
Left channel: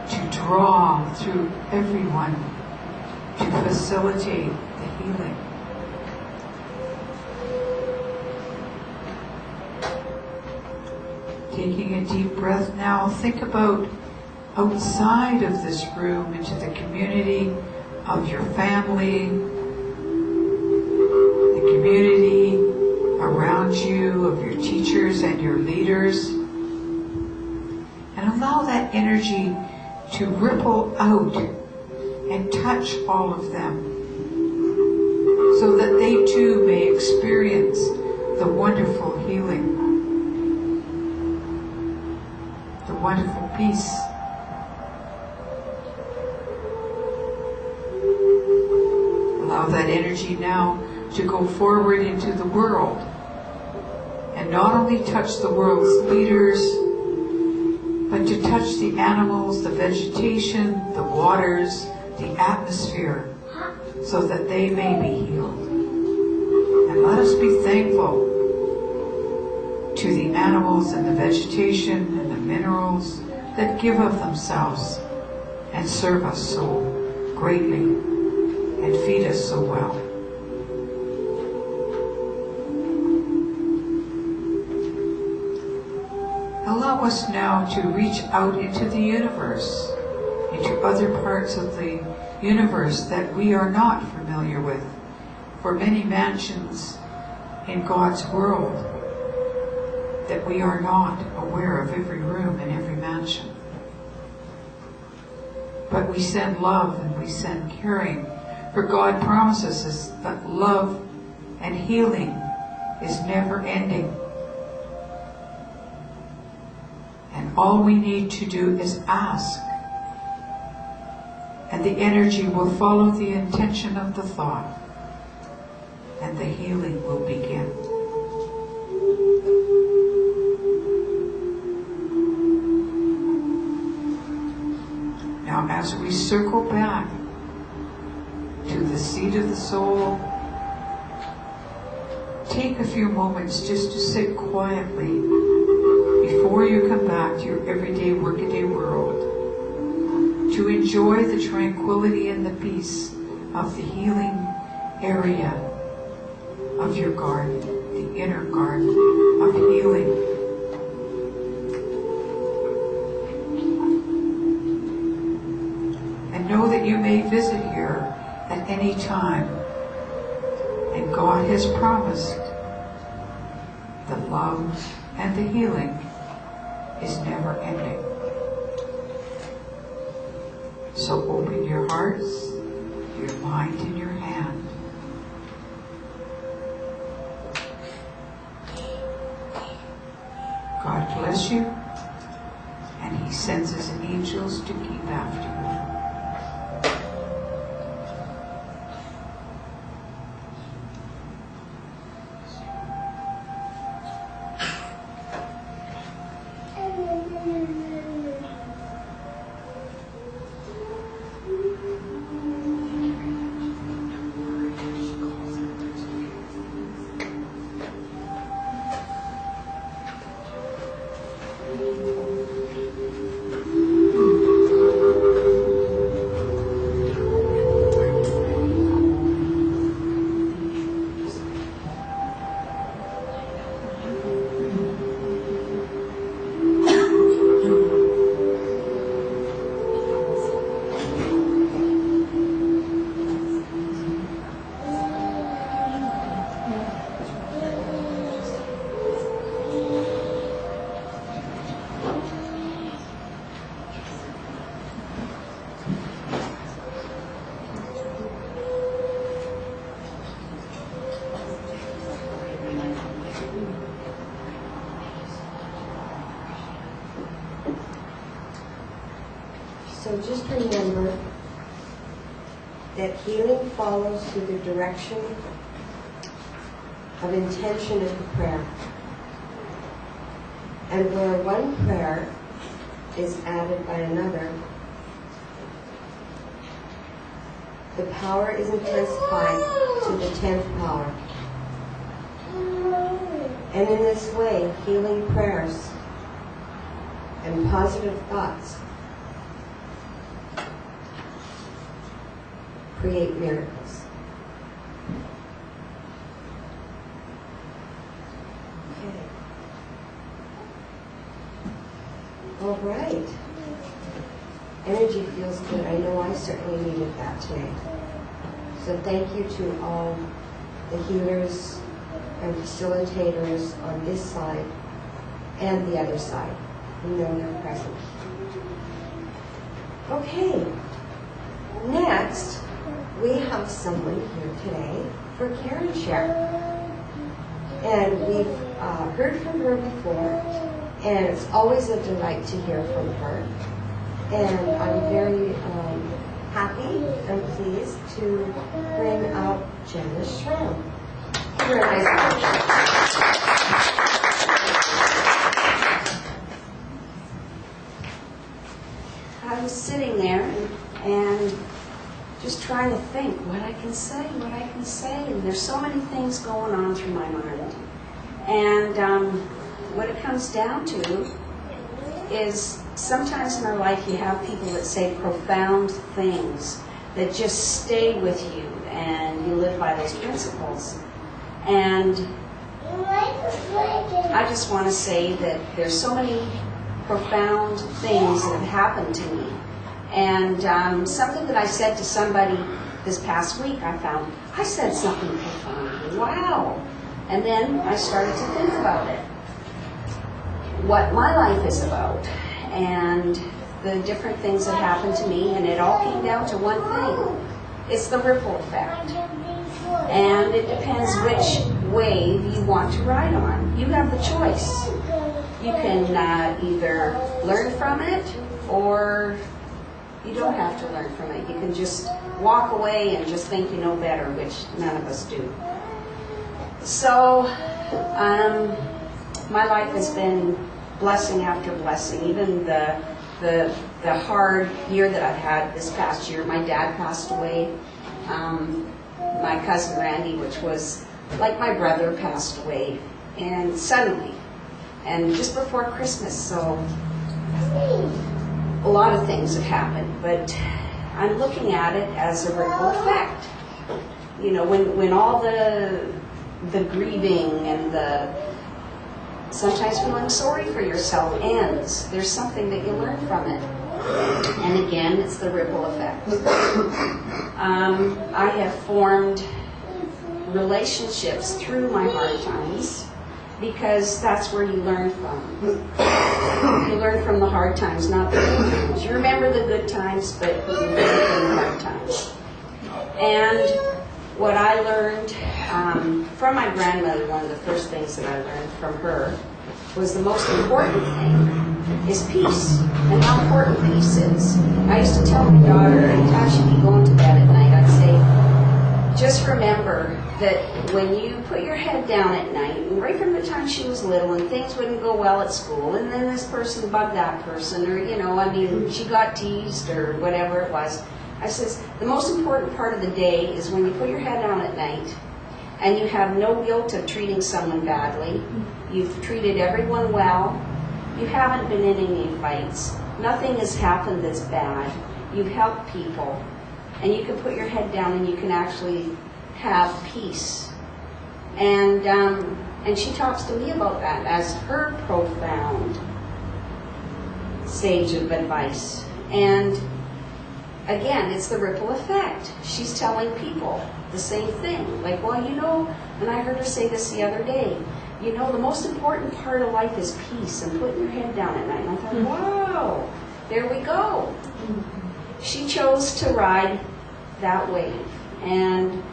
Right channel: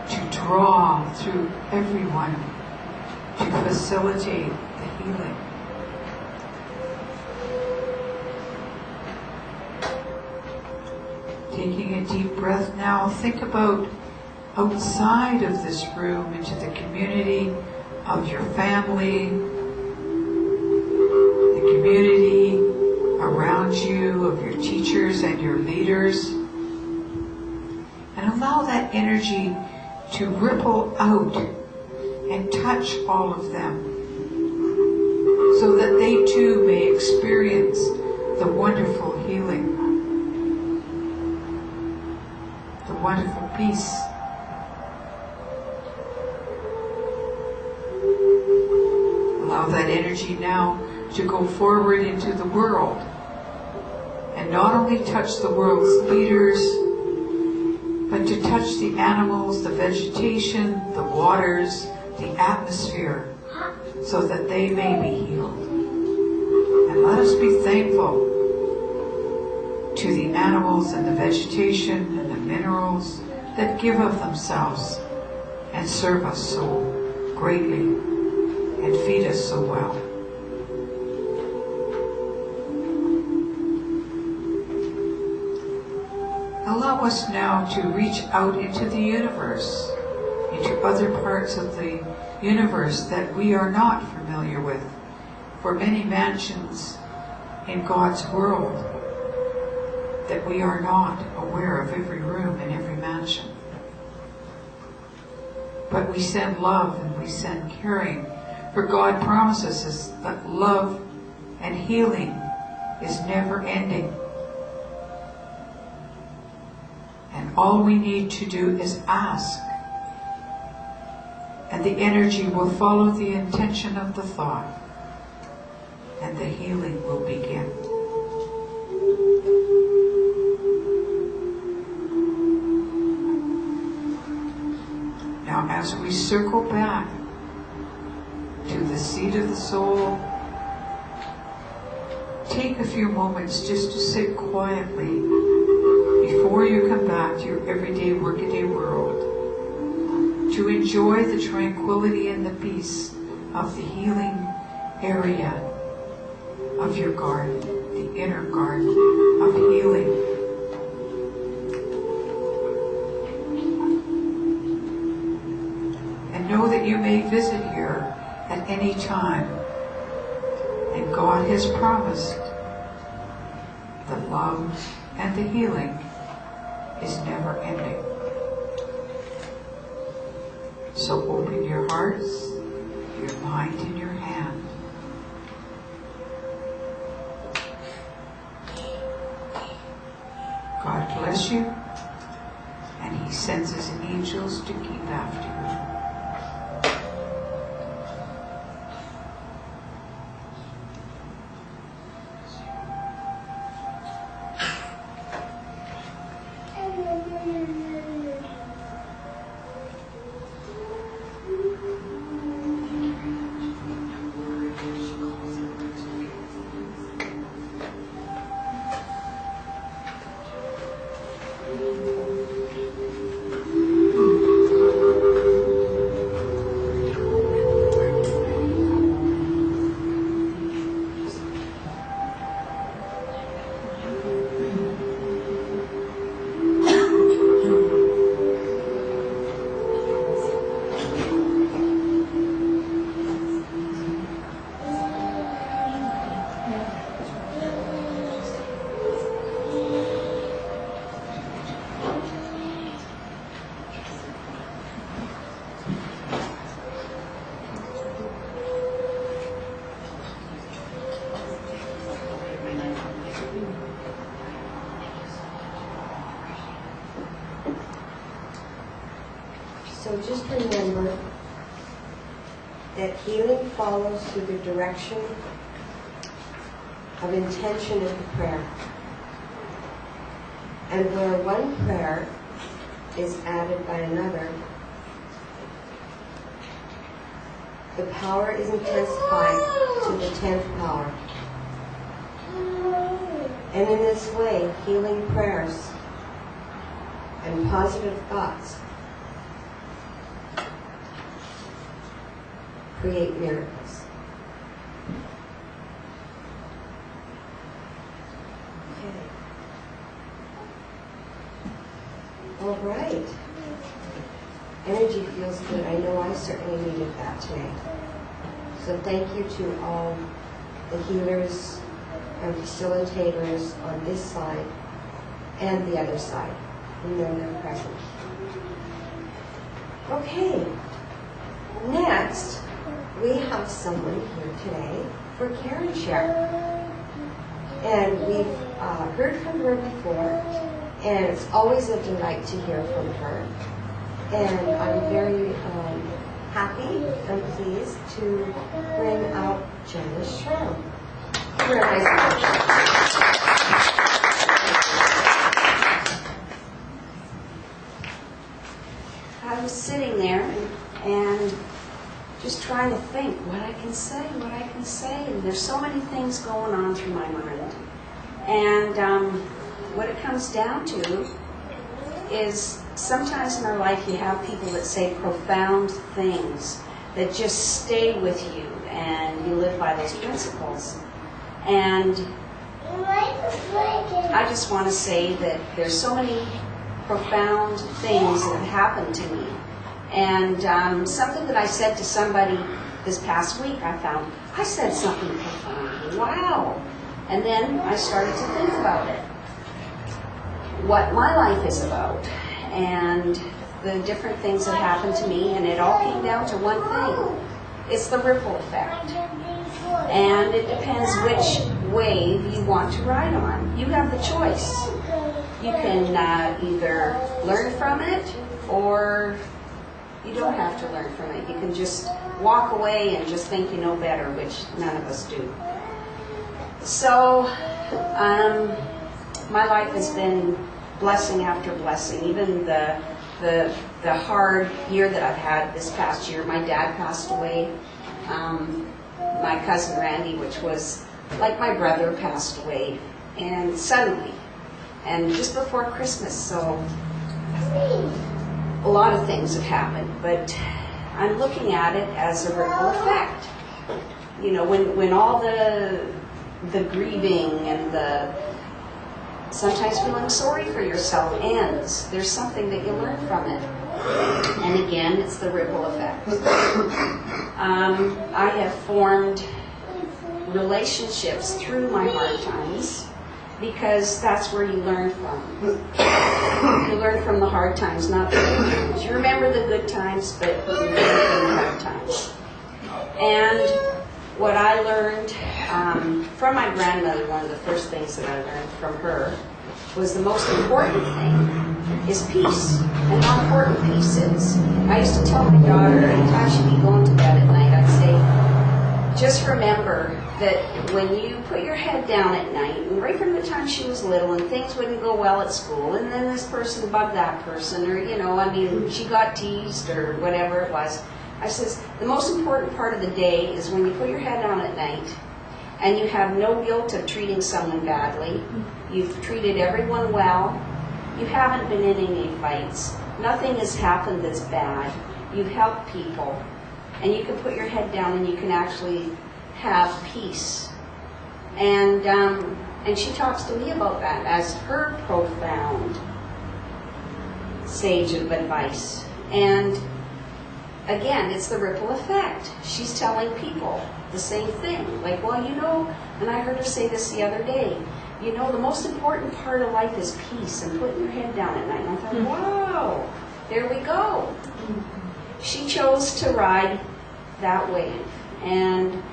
to draw through everyone to facilitate the healing. Taking a deep breath now, think about outside of this room into the community of your family, the community around you, of your teachers and your leaders, and allow that energy to ripple out and touch all of them so that they too may experience the wonderful healing, the wonderful peace. Allow that energy now to go forward into the world and not only touch the world's leaders, but to touch the animals, the vegetation, the waters, the atmosphere, so that they may be healed. And let us be thankful to the animals and the vegetation and the minerals that give of themselves and serve us so greatly and feed us so well. Allow us now to reach out into the universe, into other parts of the universe that we are not familiar with. For many mansions in God's world that we are not aware of every room in every mansion. But we send love and we send caring, for God promises us that love and healing is never ending. And all we need to do is ask, and the energy will follow the intention of the thought, and the healing will begin. Now, as we circle back to the seat of the soul, take a few moments just to sit quietly before you come back to your everyday workaday world, to enjoy the tranquility and the peace of the healing area of your garden, the inner garden of healing. And know that you may visit here at any time, and God has promised the love and the healing is never ending. So open your hearts, your mind and your hand. God bless you, and He sends His angels to keep after you. So just remember that healing follows through the direction of intention of the prayer. And where one prayer is added by another, the power is intensified to the 10th power. And in this way, healing prayers and positive thoughts create miracles. Okay. All right. Energy feels good. I know I certainly needed that today. So thank you to all the healers and facilitators on this side and the other side who know they're present. Okay. Next, we have someone here today for Karen Share. And we've heard from her before, and it's always a delight to hear from her. And I'm very happy and pleased to bring out Janice Schramm. Give her a nice I was sitting there and just trying to think what I can say, and there's so many things going on through my mind. And what it comes down to is sometimes in our life you have people that say profound things that just stay with you, and you live by those principles. And I just want to say that there's so many profound things that have happened to me. And something that I said to somebody this past week, I said something profound. Wow. And then I started to think about it. What my life is about, and the different things that happened to me, and it all came down to one thing. It's the ripple effect. And it depends which wave you want to ride on. You have the choice. You can either learn from it, or you don't have to learn from it. You can just walk away and just think you know better, which none of us do. So, my life has been blessing after blessing. Even the hard year that I've had this past year, my dad passed away. My cousin Randy, which was like my brother, passed away, and suddenly, and just before Christmas. So a lot of things have happened, but I'm looking at it as a ripple effect. You know, when all the grieving and the sometimes feeling sorry for yourself ends, there's something that you learn from it. And again, it's the ripple effect. I have formed relationships through my hard times, because that's where you learn from. You learn from the hard times, not the good times. You remember the good times, but you learn from the hard times. And what I learned from my grandmother, one of the first things that I learned from her was the most important thing is peace, and how important peace is. I used to tell my daughter, anytime she'd be going to bed at night, I'd say, just remember that when you put your head down at night, and right from the time she was little, and things wouldn't go well at school, and then this person bugged that person, or, she got teased, or whatever it was, I says, the most important part of the day is when you put your head down at night, and you have no guilt of treating someone badly, you've treated everyone well, you haven't been in any fights, nothing has happened that's bad, you've helped people, and you can put your head down and you can actually have peace. And she talks to me about that as her profound sage of advice. And again, it's the ripple effect. She's telling people the same thing. Like, well, and I heard her say this the other day, the most important part of life is peace and putting your head down at night. And I thought, wow, there we go. She chose to ride that wave. And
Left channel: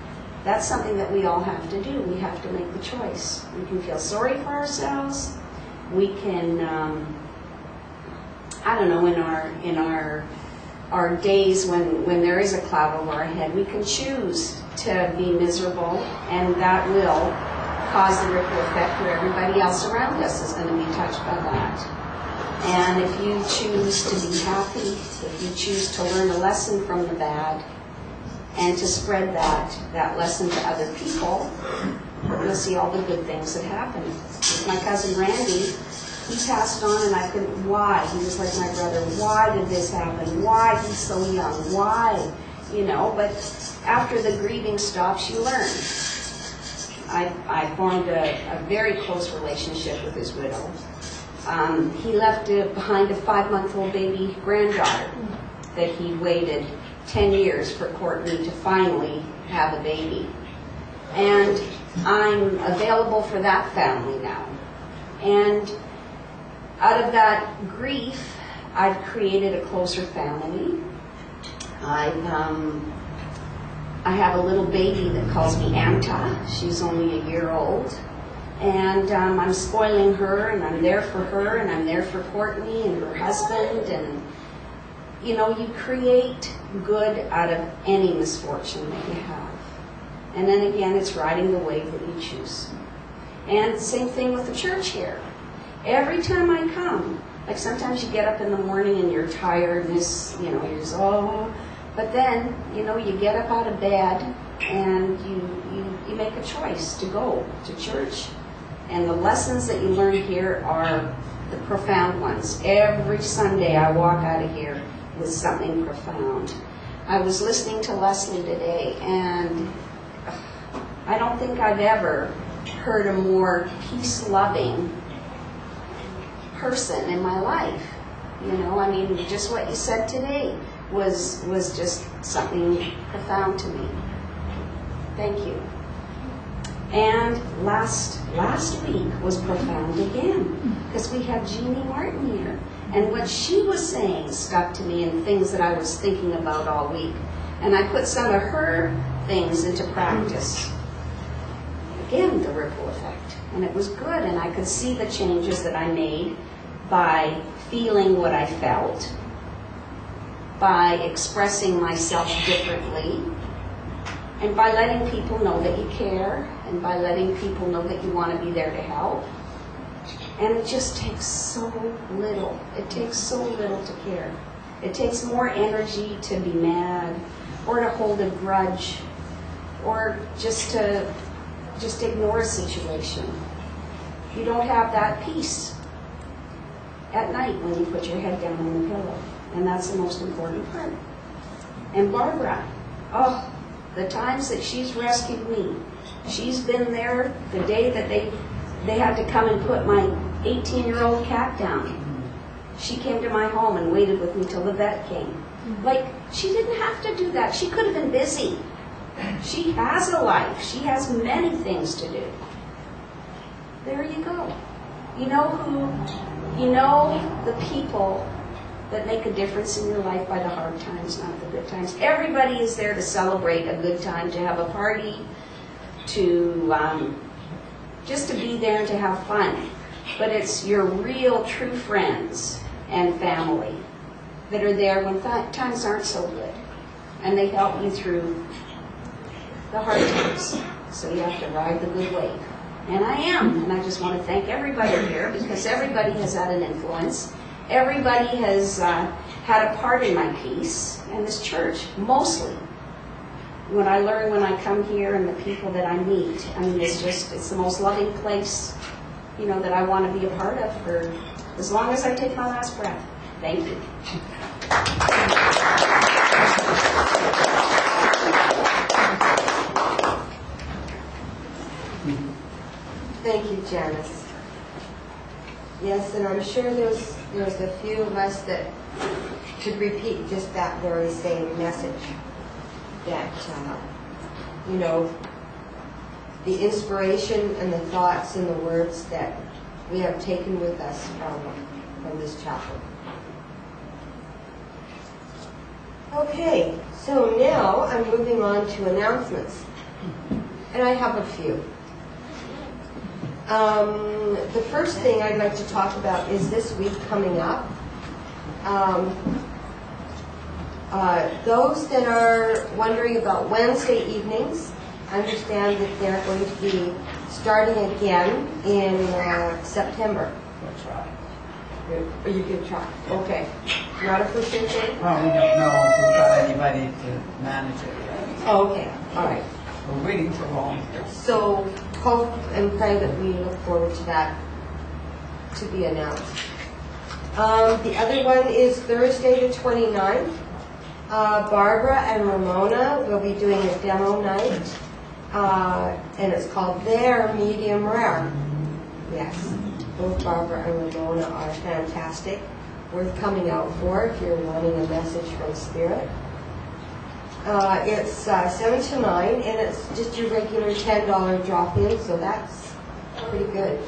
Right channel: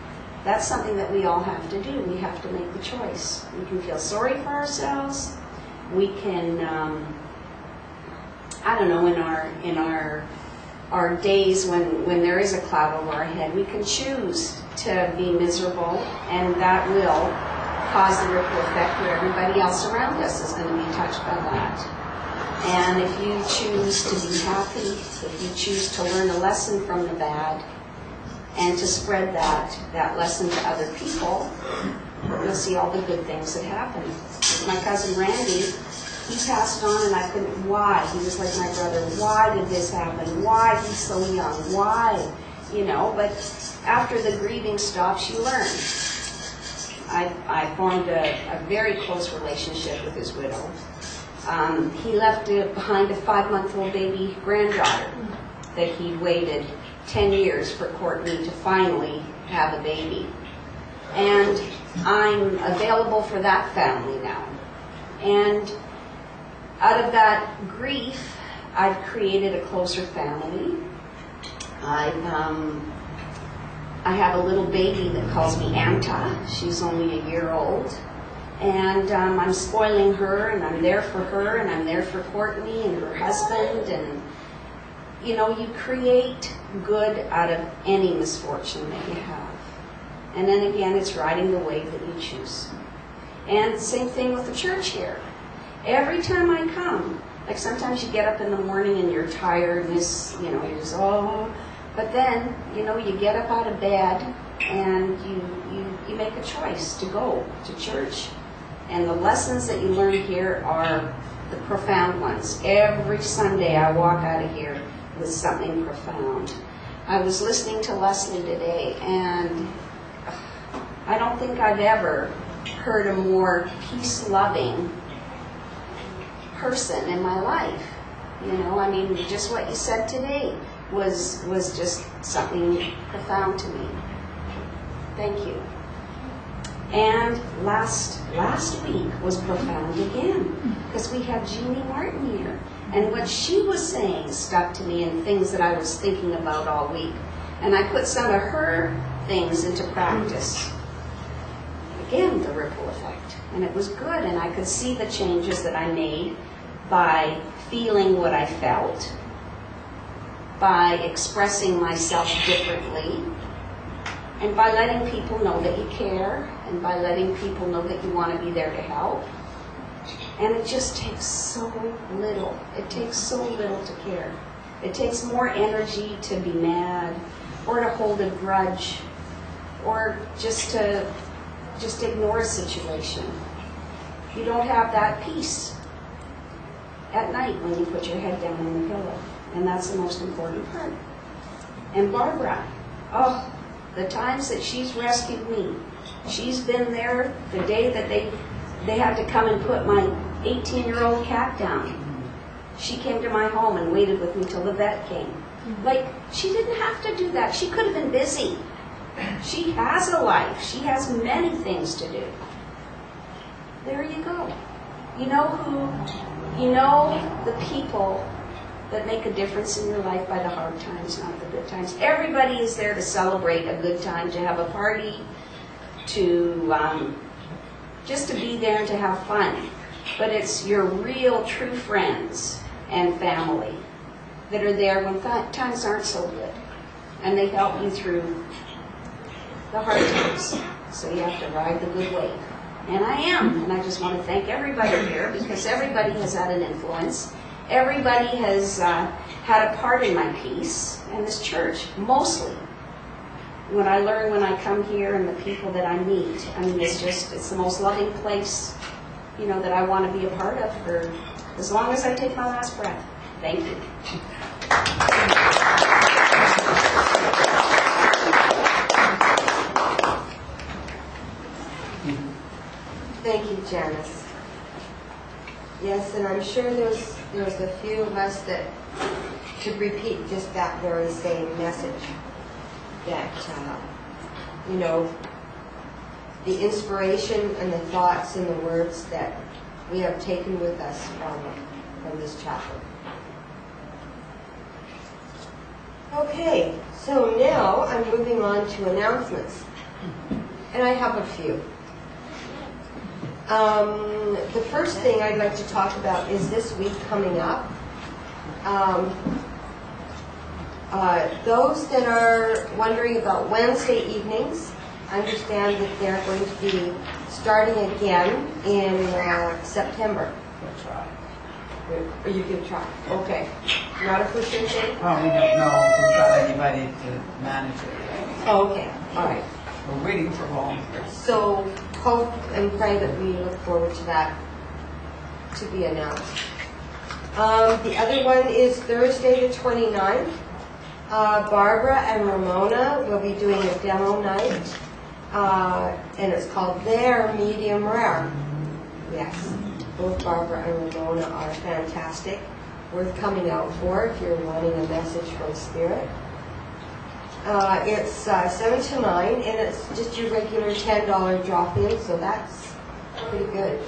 that's something that we all have to do. We have to make the choice. We can feel sorry for ourselves. We can, in our days when there is a cloud over our head, we can choose to be miserable, and that will cause the ripple effect where everybody else around us is going to be touched by that. And if you choose to be happy, if you choose to learn a lesson from the bad, and to spread that lesson to other people, you'll see all the good things that happen. My cousin Randy, He passed on and I couldn't, why? He was like my brother. Why did this happen? Why? He's so young. Why? You know, but after the grieving stops, you learn. I formed a very close relationship with his widow. He left behind a 5-month-old baby granddaughter that he'd waited 10 years for Courtney to finally have a baby. And I'm available for that family now. And out of that grief, I've created a closer family. I have a little baby that calls me Anta. She's only a year old. And I'm spoiling her, and I'm there for her, and I'm there for Courtney and her husband. And, you know, you create good out of any misfortune that you have. And then again, it's riding the wave that you choose. And same thing with the church here. Every time I come, like sometimes you get up in the morning and you're tired, and this, you know, you're just, oh. But then, you know, you get up out of bed and you make a choice to go to church. And the lessons that you learn here are the profound ones. Every Sunday I walk out of here with something profound. I was listening to Lesley today, and I don't think I've ever heard a more peace-loving person in my life. You know, I mean, just what you said today was just something profound to me. Thank you. And last week was profound again, because we have Jeannie Martin here. And what she was saying stuck to me, and things that I was thinking about all week. And I put some of her things into practice. Again, the ripple effect. And it was good, and I could see the changes that I made by feeling what I felt, by expressing myself differently, and by letting people know that you care, and by letting people know that you want to be there to help. And it just takes so little. It takes so little to care. It takes more energy to be mad, or to hold a grudge, or just ignore a situation. You don't have that peace at night when you put your head down on the pillow. And that's the most important part. And Barbara, oh, the times that she's rescued me. She's been there the day that they had to come and put my 18-year-old cat down. She came to my home and waited with me till the vet came. Like, she didn't have to do that. She could have been busy. She has a life. She has many things to do. There you go. You know the people that make a difference in your life by the hard times, not the good times. Everybody is there to celebrate a good time, to have a party, to just to be there and to have fun. But it's your real, true friends and family that are there when times aren't so good. And they help you through the hard times. So you have to ride the good wave. And I am. And I just want to thank everybody here, because everybody has had an influence. Everybody has had a part in my peace. And this church, mostly. When I learn when I come here and the people that I meet, I mean, it's the most loving place, you know, that I want to be a part of for as long as I take my last breath. Thank you. Thank you, Janice. Yes, and I'm sure there's a few of us that could repeat just that very same message. That, you know, the inspiration and the thoughts and the words that we have taken with us from this chapel. Okay, so now I'm moving on to announcements. And I have a few. The first thing I'd like to talk about is this week coming up. Those that are wondering about Wednesday evenings, understand that they're going to be starting again in September. Or you can try. Okay. Not a for sure thing? Well, we don't know if we've got anybody to manage it yet. Oh, okay. All right. We're waiting for volunteers. So hope and pray that we look forward to that. to be announced. The other one is Thursday the 29th. Barbara and Ramona will be doing a demo night, and it's called Their Medium Rare. Yes, both Barbara and Ramona are fantastic, worth coming out for if you're wanting a message from Spirit. It's 7 to 9, and it's just your regular $10 drop-in, so that's pretty good.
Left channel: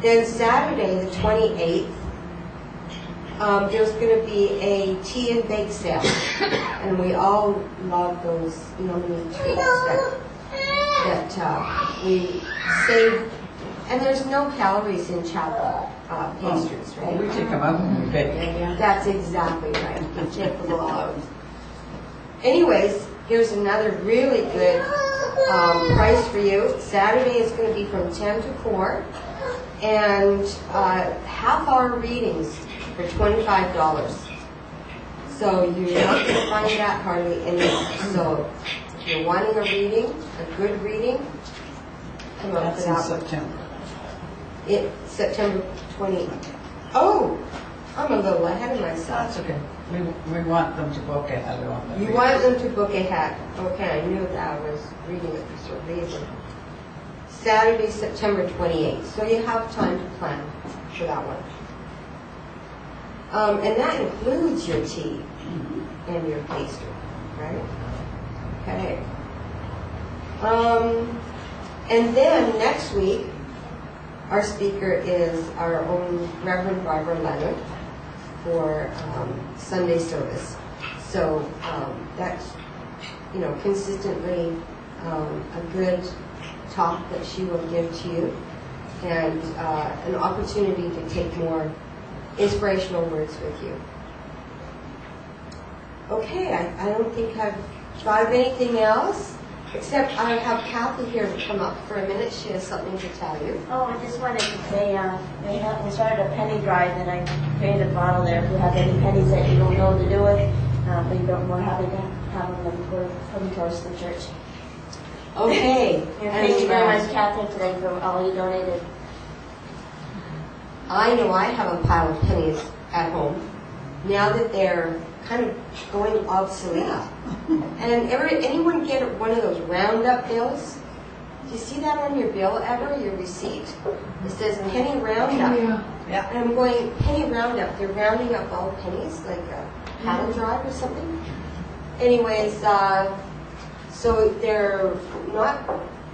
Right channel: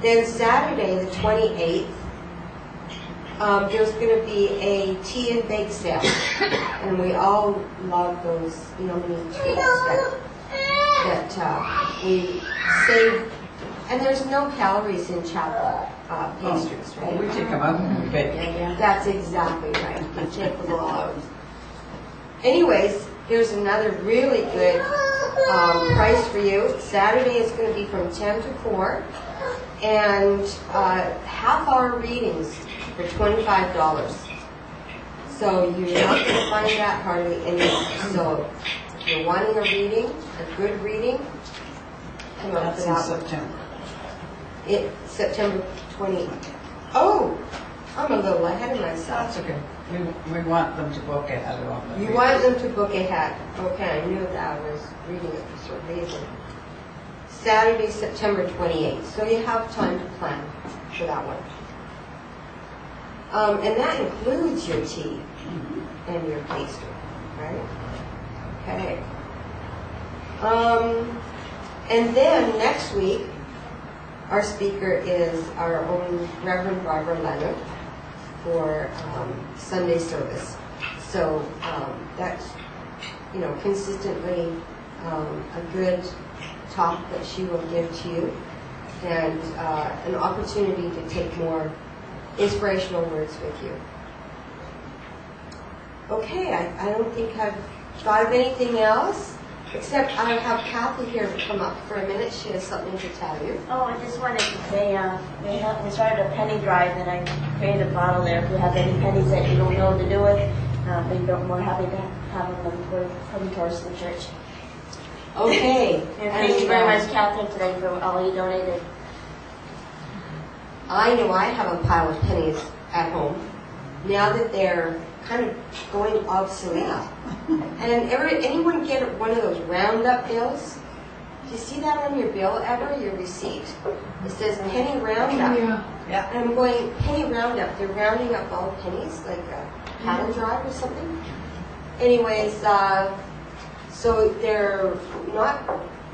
Then Saturday, the 28th, there's going to be a tea and bake sale, and we all love those yummy treats that we save. And there's no calories in chocolate pastries, right? Oh, we take them out and we bake. That's exactly right. You take them all out. Anyways, here's another really good price for you. Saturday is going to be from 10 to 4, and half-hour readings for $25. So you're not going to find that hardly anywhere. So if you're wanting a reading, a good reading, come up That's to in that one. September. It's September 20. Oh, I'm a little ahead of myself. That's okay. We want them to book ahead of them. You want them to book ahead. Okay, I knew that. I was reading it for some reason. Saturday, September 28th. So you have time to plan for that one. And that includes your tea and your pastry, right? Okay. And then next week, our speaker is our own Reverend Barbara Leonard for Sunday service. So that's, consistently a good talk that she will give to you, and an opportunity to take more inspirational words with you. Okay, I don't think I've thought of anything else, except I have Kathy here to come up for a minute. She has something to tell you. Oh, I just wanted to say, we started a penny drive, and I created a bottle there. If you have any pennies that you don't know what to do with, we're happy to have them for coming towards the church. Okay. And thank you very much, Catherine, today for all you donated. I know I have a pile of pennies at home now that they're kind of going obsolete. And anyone get one of those roundup bills? Do you see that on your bill ever, your receipt? It says penny roundup. Yeah. And I'm going, penny roundup. They're rounding up all pennies, like a cattle drive or something. Anyways, so they're not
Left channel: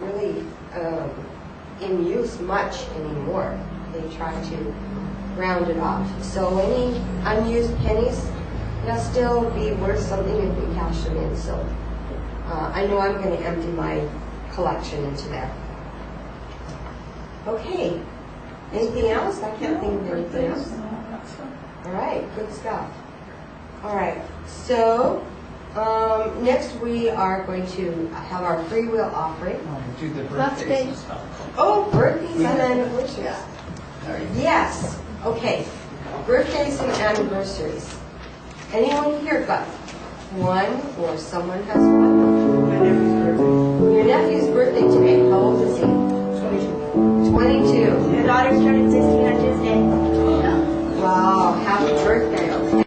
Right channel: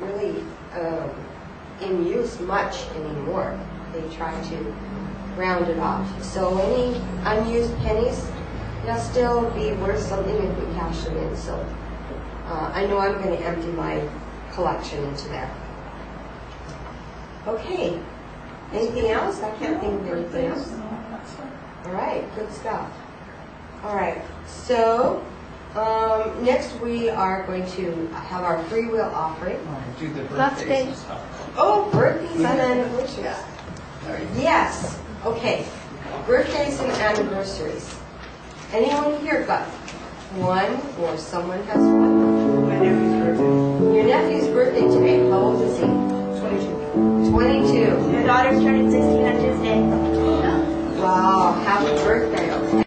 really in use much anymore. They try to round it off. So any unused pennies, they'll still be worth something if we cash them in. So I know I'm going to empty my collection into there. Okay. Anything else? I can't think of anything else. All right. Good stuff. All right. So next we are going to have our free will offering. Do the That's birthdays good. and stuff. Oh, birthdays and anniversaries. Yes. Okay. Birthdays and anniversaries. Anyone here got one, or someone has one? My nephew's birthday. Your nephew's birthday today. How old is he? 22. 22. Your daughter's turning 16 on Tuesday. Wow. Happy birthday. Okay.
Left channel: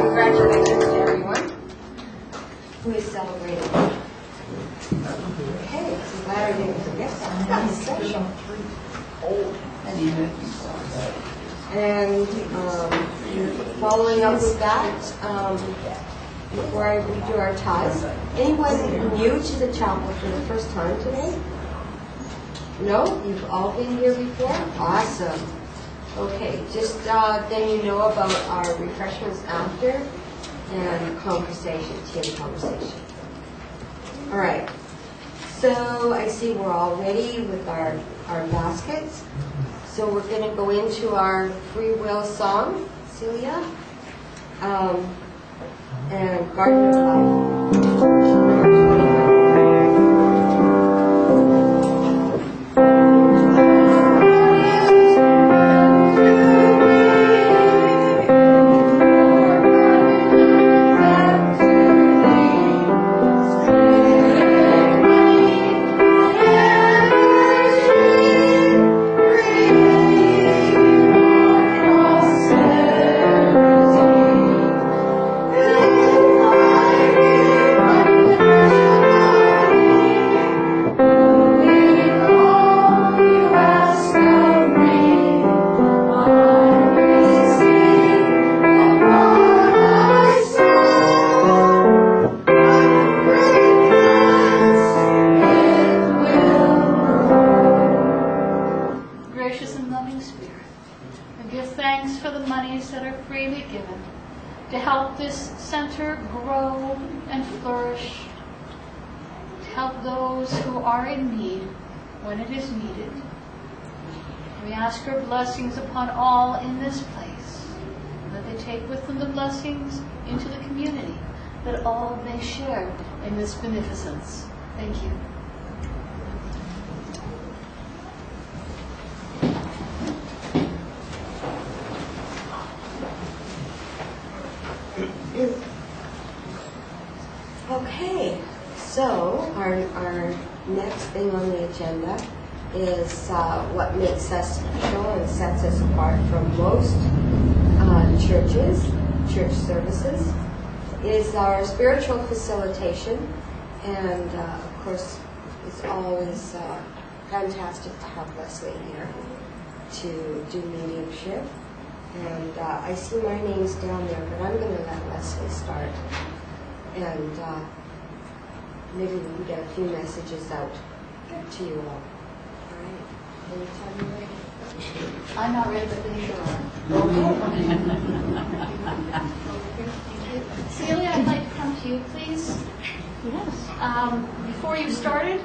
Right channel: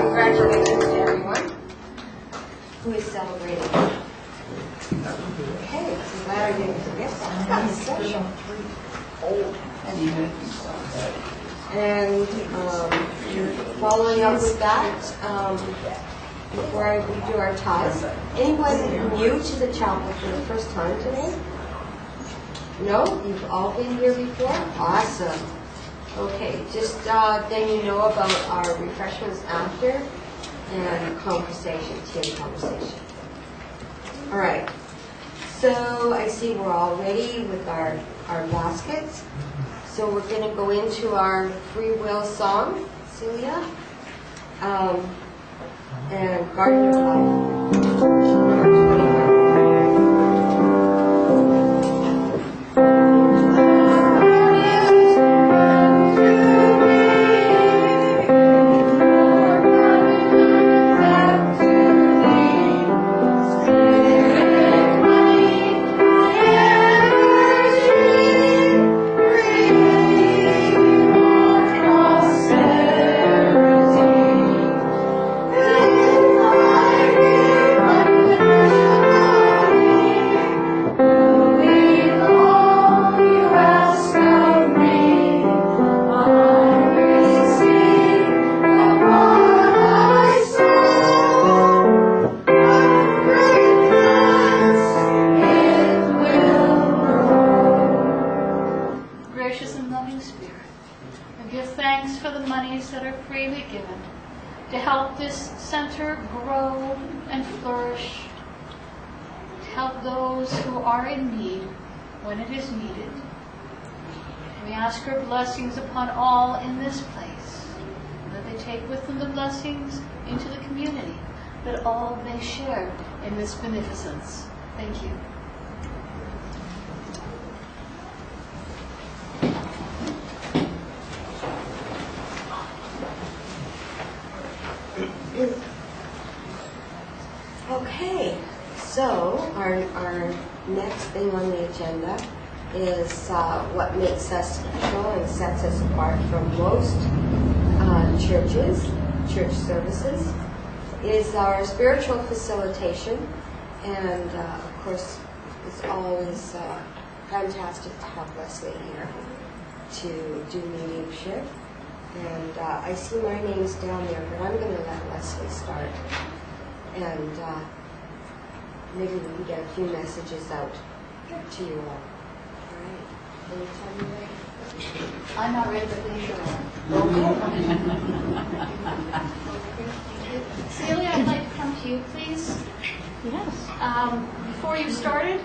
Congratulations to everyone who is celebrating. Okay, so glad I didn't forget that. That's special. And following up with that, before we do our ties, anyone new to the chapel for the first time today? No? You've all been here before? Awesome. Okay, just then you know about our refreshments after. and conversation, tea and conversation. All right. So I see we're all ready with our baskets. So we're going to go into our free will song, Celia, and Garden of Life. Blessings upon all in this place, and that they take with them the blessings into the community, that all may share in this beneficence. Thank you. Okay, so our next thing on the agenda is what makes us special and sets us apart from most church services, is our spiritual facilitation. And of course, it's always fantastic to have Lesley here to do mediumship. And I see my name's down there, but I'm going to let Lesley start. And maybe we can get a few messages out to you all. Anytime you're ready. I'm not ready, but then you're okay. Celia, I'd like to come to you, please. Yes. Before you started,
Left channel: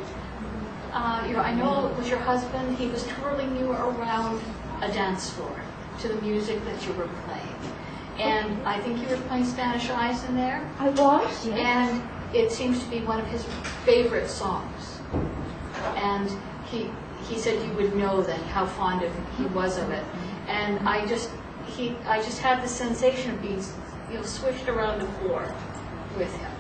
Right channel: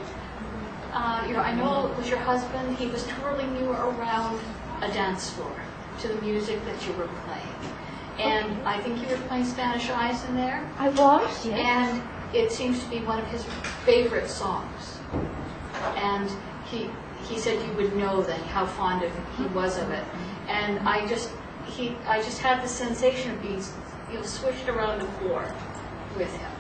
I know it was your husband. He was twirling you around a dance floor to the music that you were playing. And I think you were playing Spanish Eyes in there. I was, yes. And it seems to be one of his favorite songs. And he said you would know that how fond he was of it, and I just had the sensation of being swished around the floor with him,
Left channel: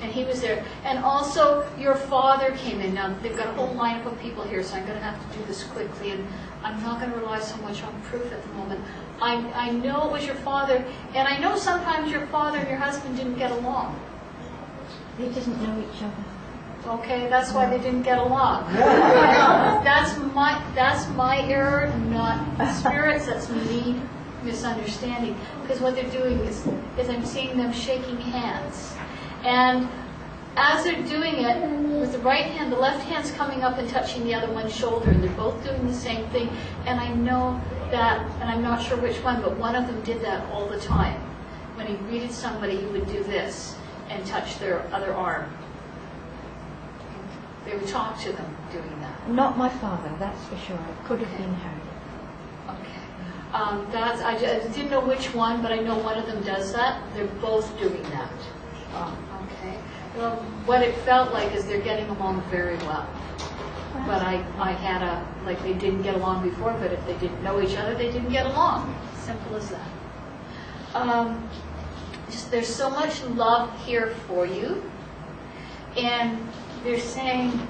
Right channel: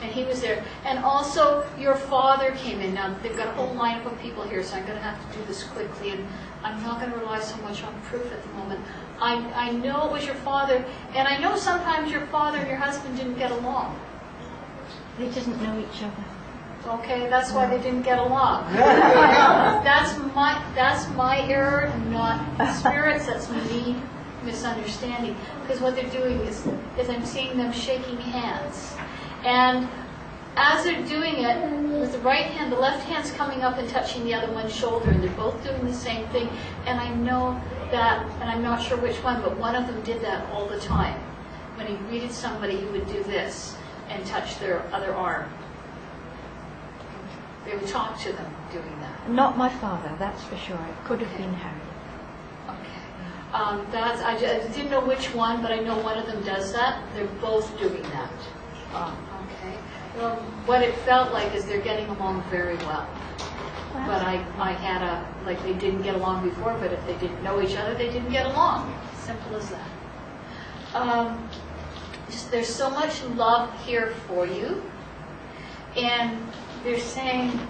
and he was there. And also your father came in. Now they've got a whole lineup of people here, so I'm going to have to do this quickly, and I'm not going to rely so much on proof at the moment. I know it was your father, and I know sometimes your father and your husband didn't get along. They didn't know each other. Okay, that's why they didn't get along. That's my error, not spirits. That's me misunderstanding. Because what they're doing is I'm seeing them shaking hands, and as they're doing it with the right hand, the left hand's coming up and touching the other one's shoulder, and they're both doing the same thing. And I know that, and I'm not sure which one, but one of them did that all the time. When he greeted somebody, he would do this and touch their other arm. They would talk to them doing that. Not my father, that's for sure. It could have been Harry. Okay. I didn't know which one, but I know one of them does that. They're both doing that. Okay. Well, what it felt like is they're getting along very well. But I had like they didn't get along before, but if they didn't know each other, they didn't get along. Simple as that. There's so much love here for you. And they're saying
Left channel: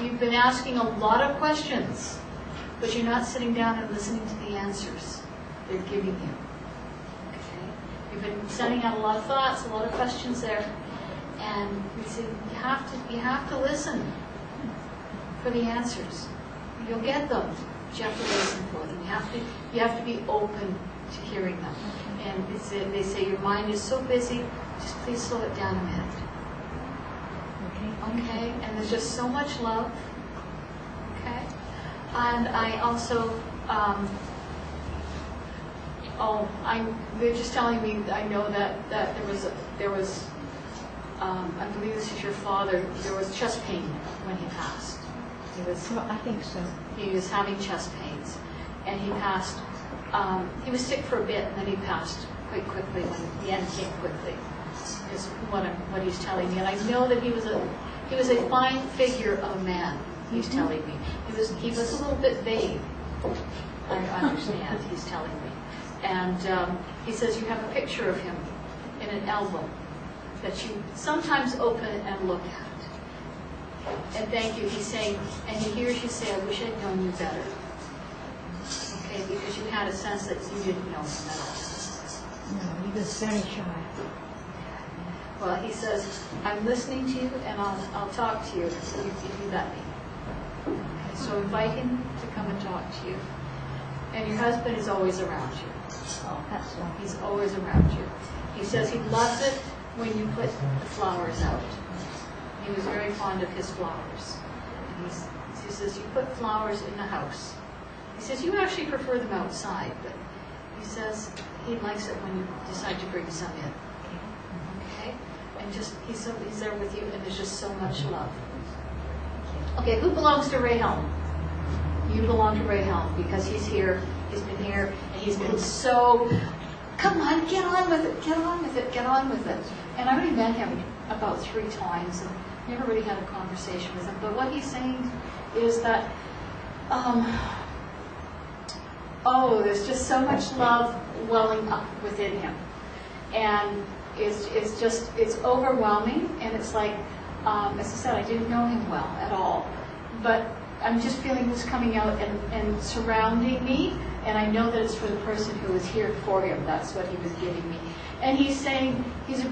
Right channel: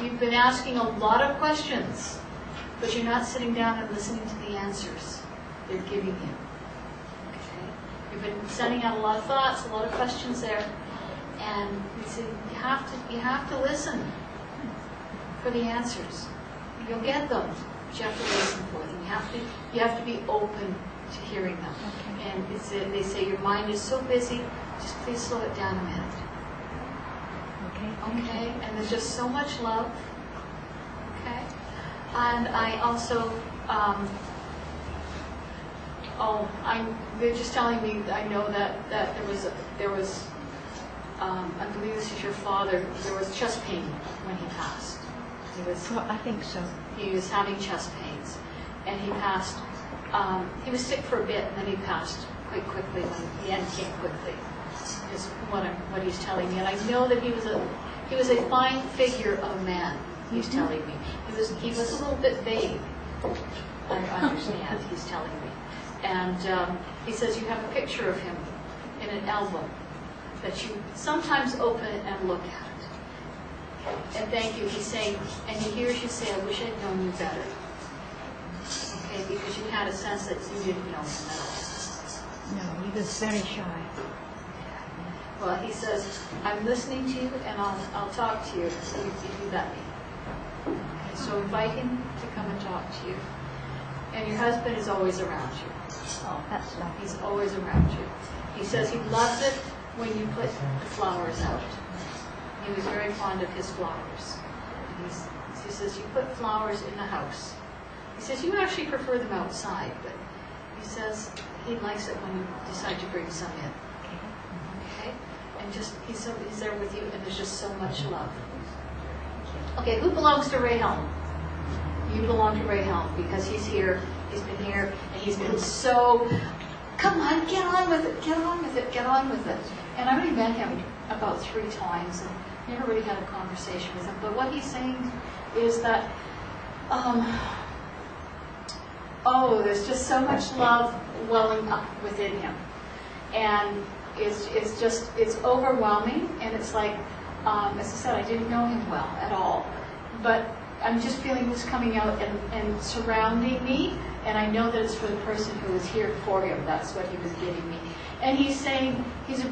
you've been asking a lot of questions, but you're not sitting down and listening to the answers they're giving you. Okay? You've been sending out a lot of thoughts, a lot of questions there, and we said you have to listen for the answers. You'll get them, but you have to listen for them. You have to be open to hearing them. Okay. And they say your mind is so busy, just please slow it down a minute. Okay, and there's just so much love. Okay, and I also Oh, they're just telling me, I know that there was, I believe this is your father, there was chest pain when he passed. Well, I think so. He was having chest pains, and he passed, he was sick for a bit, and then he passed quite quickly, when the end came quickly, is what he's telling me. And I know that he was a fine figure of a man, he's telling me. He was a little bit vague, I understand, he's telling me. And he says you have a picture of him in an album that you sometimes open and look at. And thank you, he's saying, and he hears you say, I wish I'd known you better. Okay, because you had a sense that you didn't know him at all. No, he was very shy. Well, he says, I'm listening to you, and I'll talk to you if you let me. Okay, so invite him to come and talk to you. And your husband is always around you. Oh, that's lovely. He's always around you. He says he loves it when you put the flowers out. He was very fond of his flowers. And he says you put flowers in the house. He says you actually prefer them outside, but he says he likes it when you decide to bring some in. Okay? And just he's there with you, and there's just so much love. Okay, who belongs to Ray Helm? You belong to Ray Helm because he's here, he's been here, and he's been so, come on, get on with it, get on with it, get on with it. And I already met him about 3 times and never really had a conversation with him. But what he's saying is that, there's just so much love welling up within him. And it's overwhelming, and it's like, as I said, I didn't know him well at all. But I'm just feeling this coming out and surrounding me, and I know that it's for the person who is here for him. That's what he was giving me. And he's saying he's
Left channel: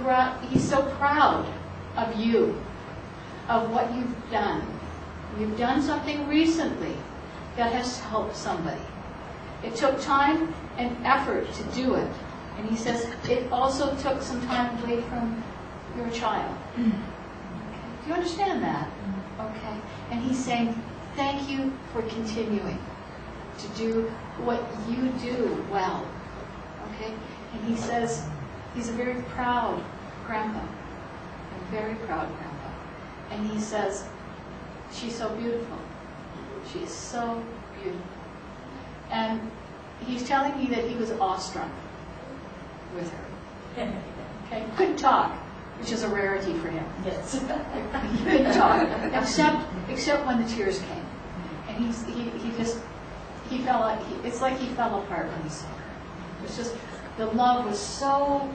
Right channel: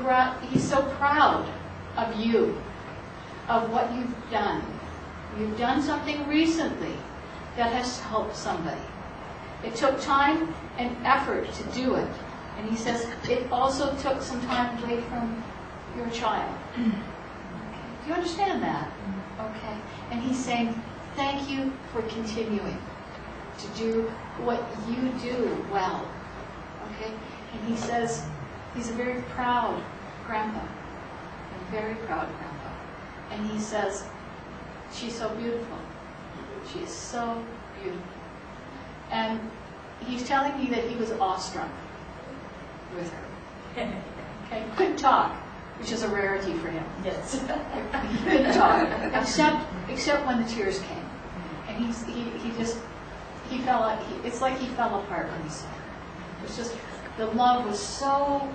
so proud of you, of what you've done. You've done something recently that has helped somebody. It took time and effort to do it. And he says it also took some time away from your child. Okay. Do you understand that? Okay. And he's saying, thank you for continuing to do what you do well. Okay? And he says he's a very proud grandpa. A very proud grandpa. And he says, she's so beautiful. She is so beautiful. And he's telling me that he was awestruck with her. Okay? Couldn't talk, which is a rarity for him. Yes. He couldn't talk, except when the tears came. And he fell out, it's like he fell apart when he saw her. It was just, the love was so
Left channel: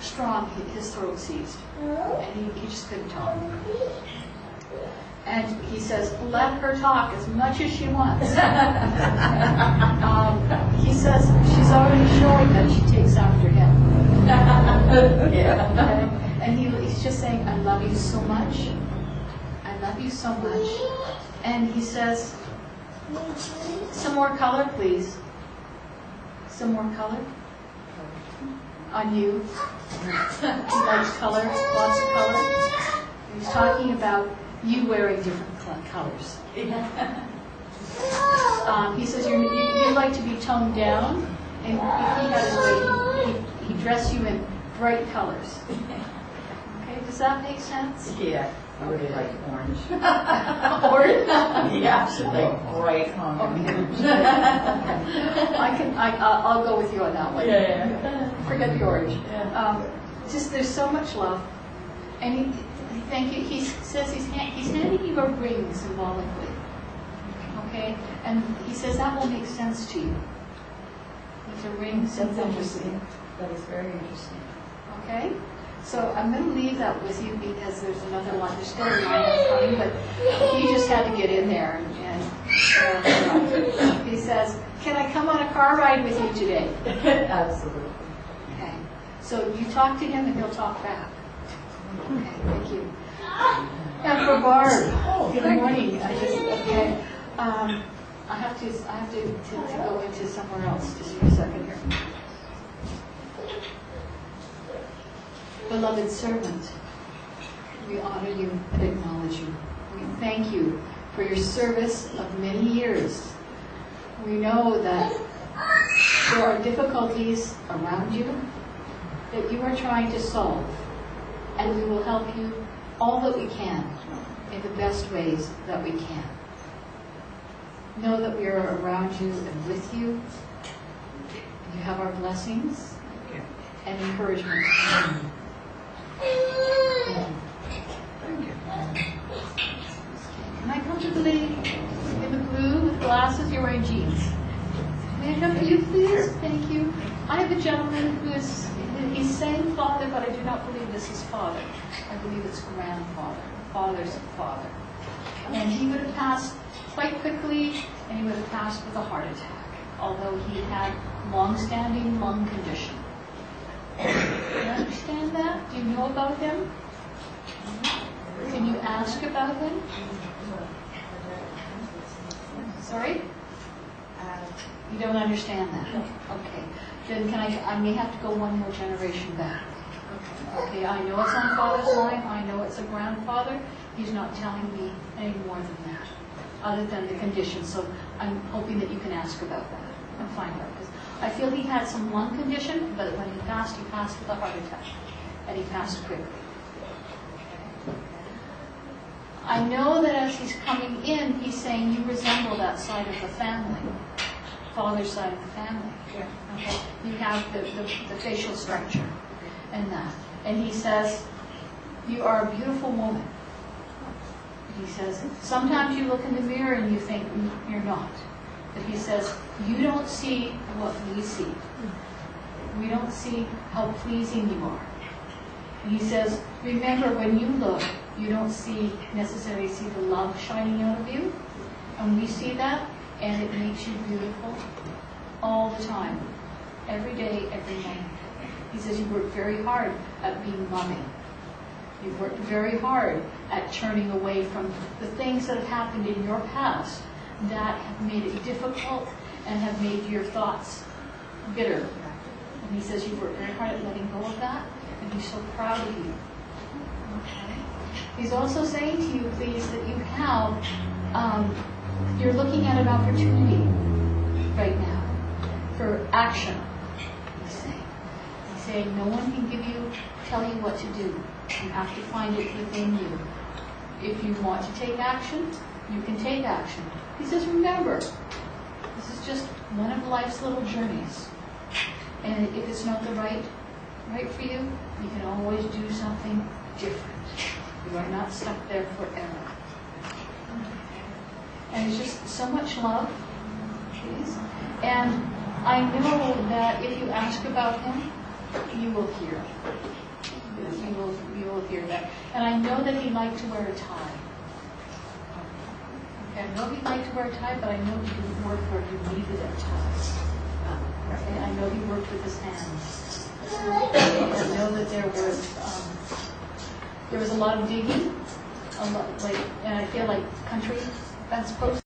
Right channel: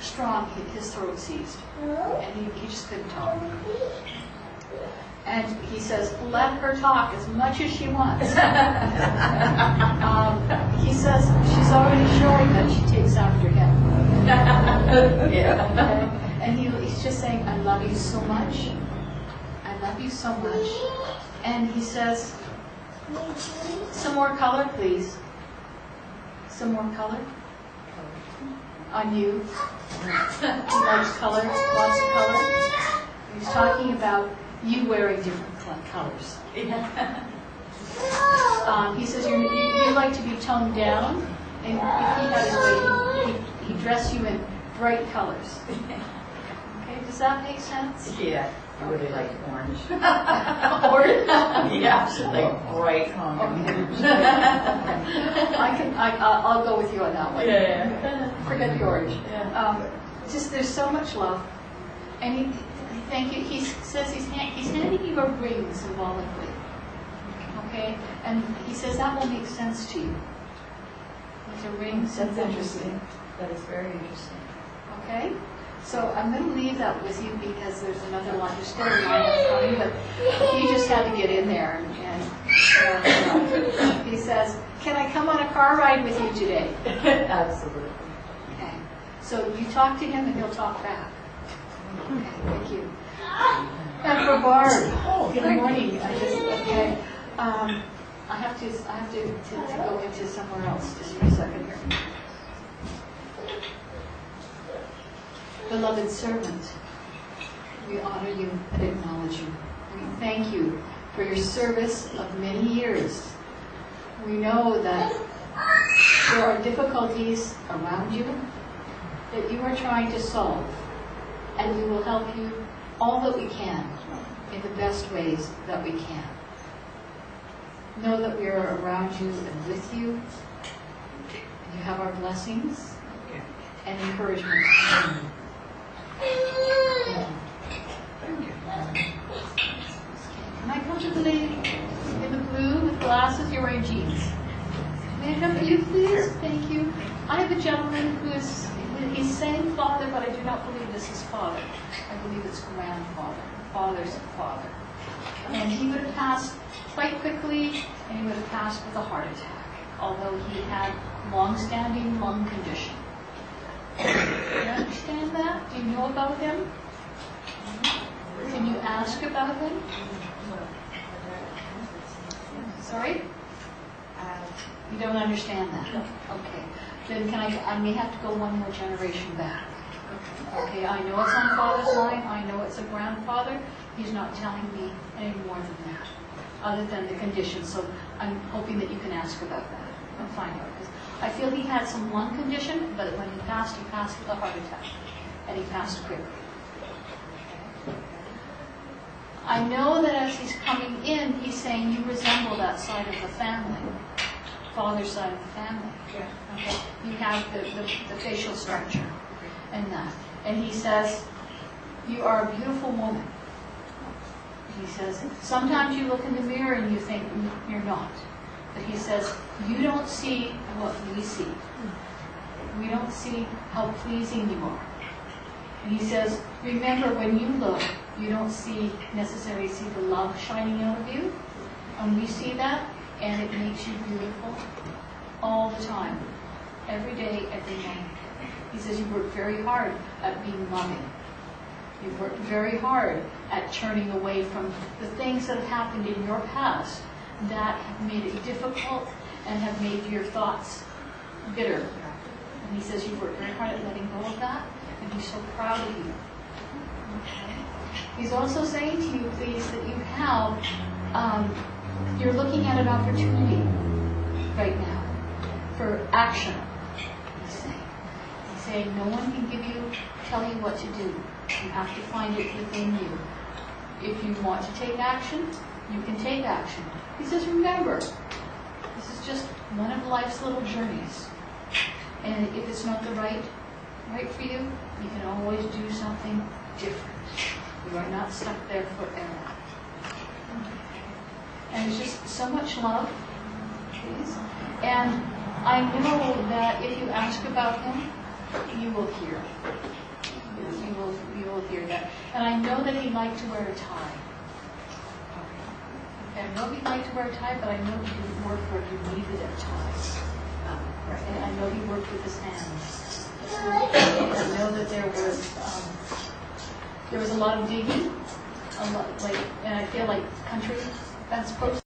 strong, his throat seized. And he just couldn't talk. And he says, let her talk as much as she wants. He says she's already showing that she takes after him. Yeah. And he's just saying, I love you so much. I love you so much. And he says, some more color, please. Some more color on you. He likes color, lots of color. He's talking about you wearing different colors. He says you like to be toned down, and if he had his way, he'd dress you in bright colors. Okay, does that make sense? Yeah, I really like orange. Orange? Yeah, like bright orange. I'll go with you on that one. Yeah. Forget the orange. Yeah. Just there's so much love, and thank you. He says he's handing you a ring symbolically. Okay, and he says that will make sense to you. It's a ring. That's interesting. That is very interesting. Okay, so I'm going to leave that with you because there's another line. There's still a line coming, but he just had to get in there. And he says, "Can I come on a car ride with you today?" Absolutely. Okay, so you talk to him and he'll talk back. Okay, thank you. And for Barb, good morning. I have to go into somewhere else just for a second here. Beloved servant, we honor you and acknowledge you. We thank you for your service of many years. We know that There are difficulties around you that you are trying to solve, and we will help you all that we can in the best ways that we can. Know that we are around you and with you. You have our blessings and encouragement. Can I come to the lady in the blue with glasses? You're wearing jeans. May I come to you, please? Thank you. I have a gentleman he's saying father, but I do not believe this is father. I believe it's grandfather, father's father. And he would have passed quite quickly, and he would have passed with a heart attack, although he had long-standing lung condition. Do you understand that? Do you know about him? Can you ask about him? Sorry? You don't understand that? Okay. Then I may have to go one more generation back. Okay, I know it's on father's line. I know it's a grandfather. He's not telling me any more than that, other than the condition. So I'm hoping that you can ask about that and find out. Because I feel he had some lung condition, but when he passed with a heart attack. And he passed quickly. I know that as he's coming in, he's saying you resemble that side of the family, father's side of the family. Okay? You have the facial structure and that. And he says, you are a beautiful woman. He says, sometimes you look in the mirror and you think you're not. But he says, you don't see what we see. We don't see how pleasing you are. And he says, remember, when you look, you don't necessarily see the love shining out of you. And we see that, and it makes you beautiful all the time, every day, every night. He says you work very hard at being loving. You've worked very hard at turning away from the things that have happened in your past that have made it difficult and have made your thoughts bitter. And he says you've worked very hard at letting go of that, and he's so proud of you. Okay. He's also saying to you, please, that you have, you're looking at an opportunity right now for action, he's saying. He's saying no one can tell you what to do. You have to find it within you. If you want to take action, you can take action. He says, remember, this is just one of life's little journeys. And if it's not the right for you, you can always do something different. You are not stuck there forever. And it's just so much love, please. And I know that if you ask about him, you will hear. You will hear that. And I know that he liked to wear a tie. Okay, I know he liked to wear a tie, but I know he didn't work where he needed a tie. And I know he worked with his hands. I know that there was a lot of digging, and I feel like country, that's supposed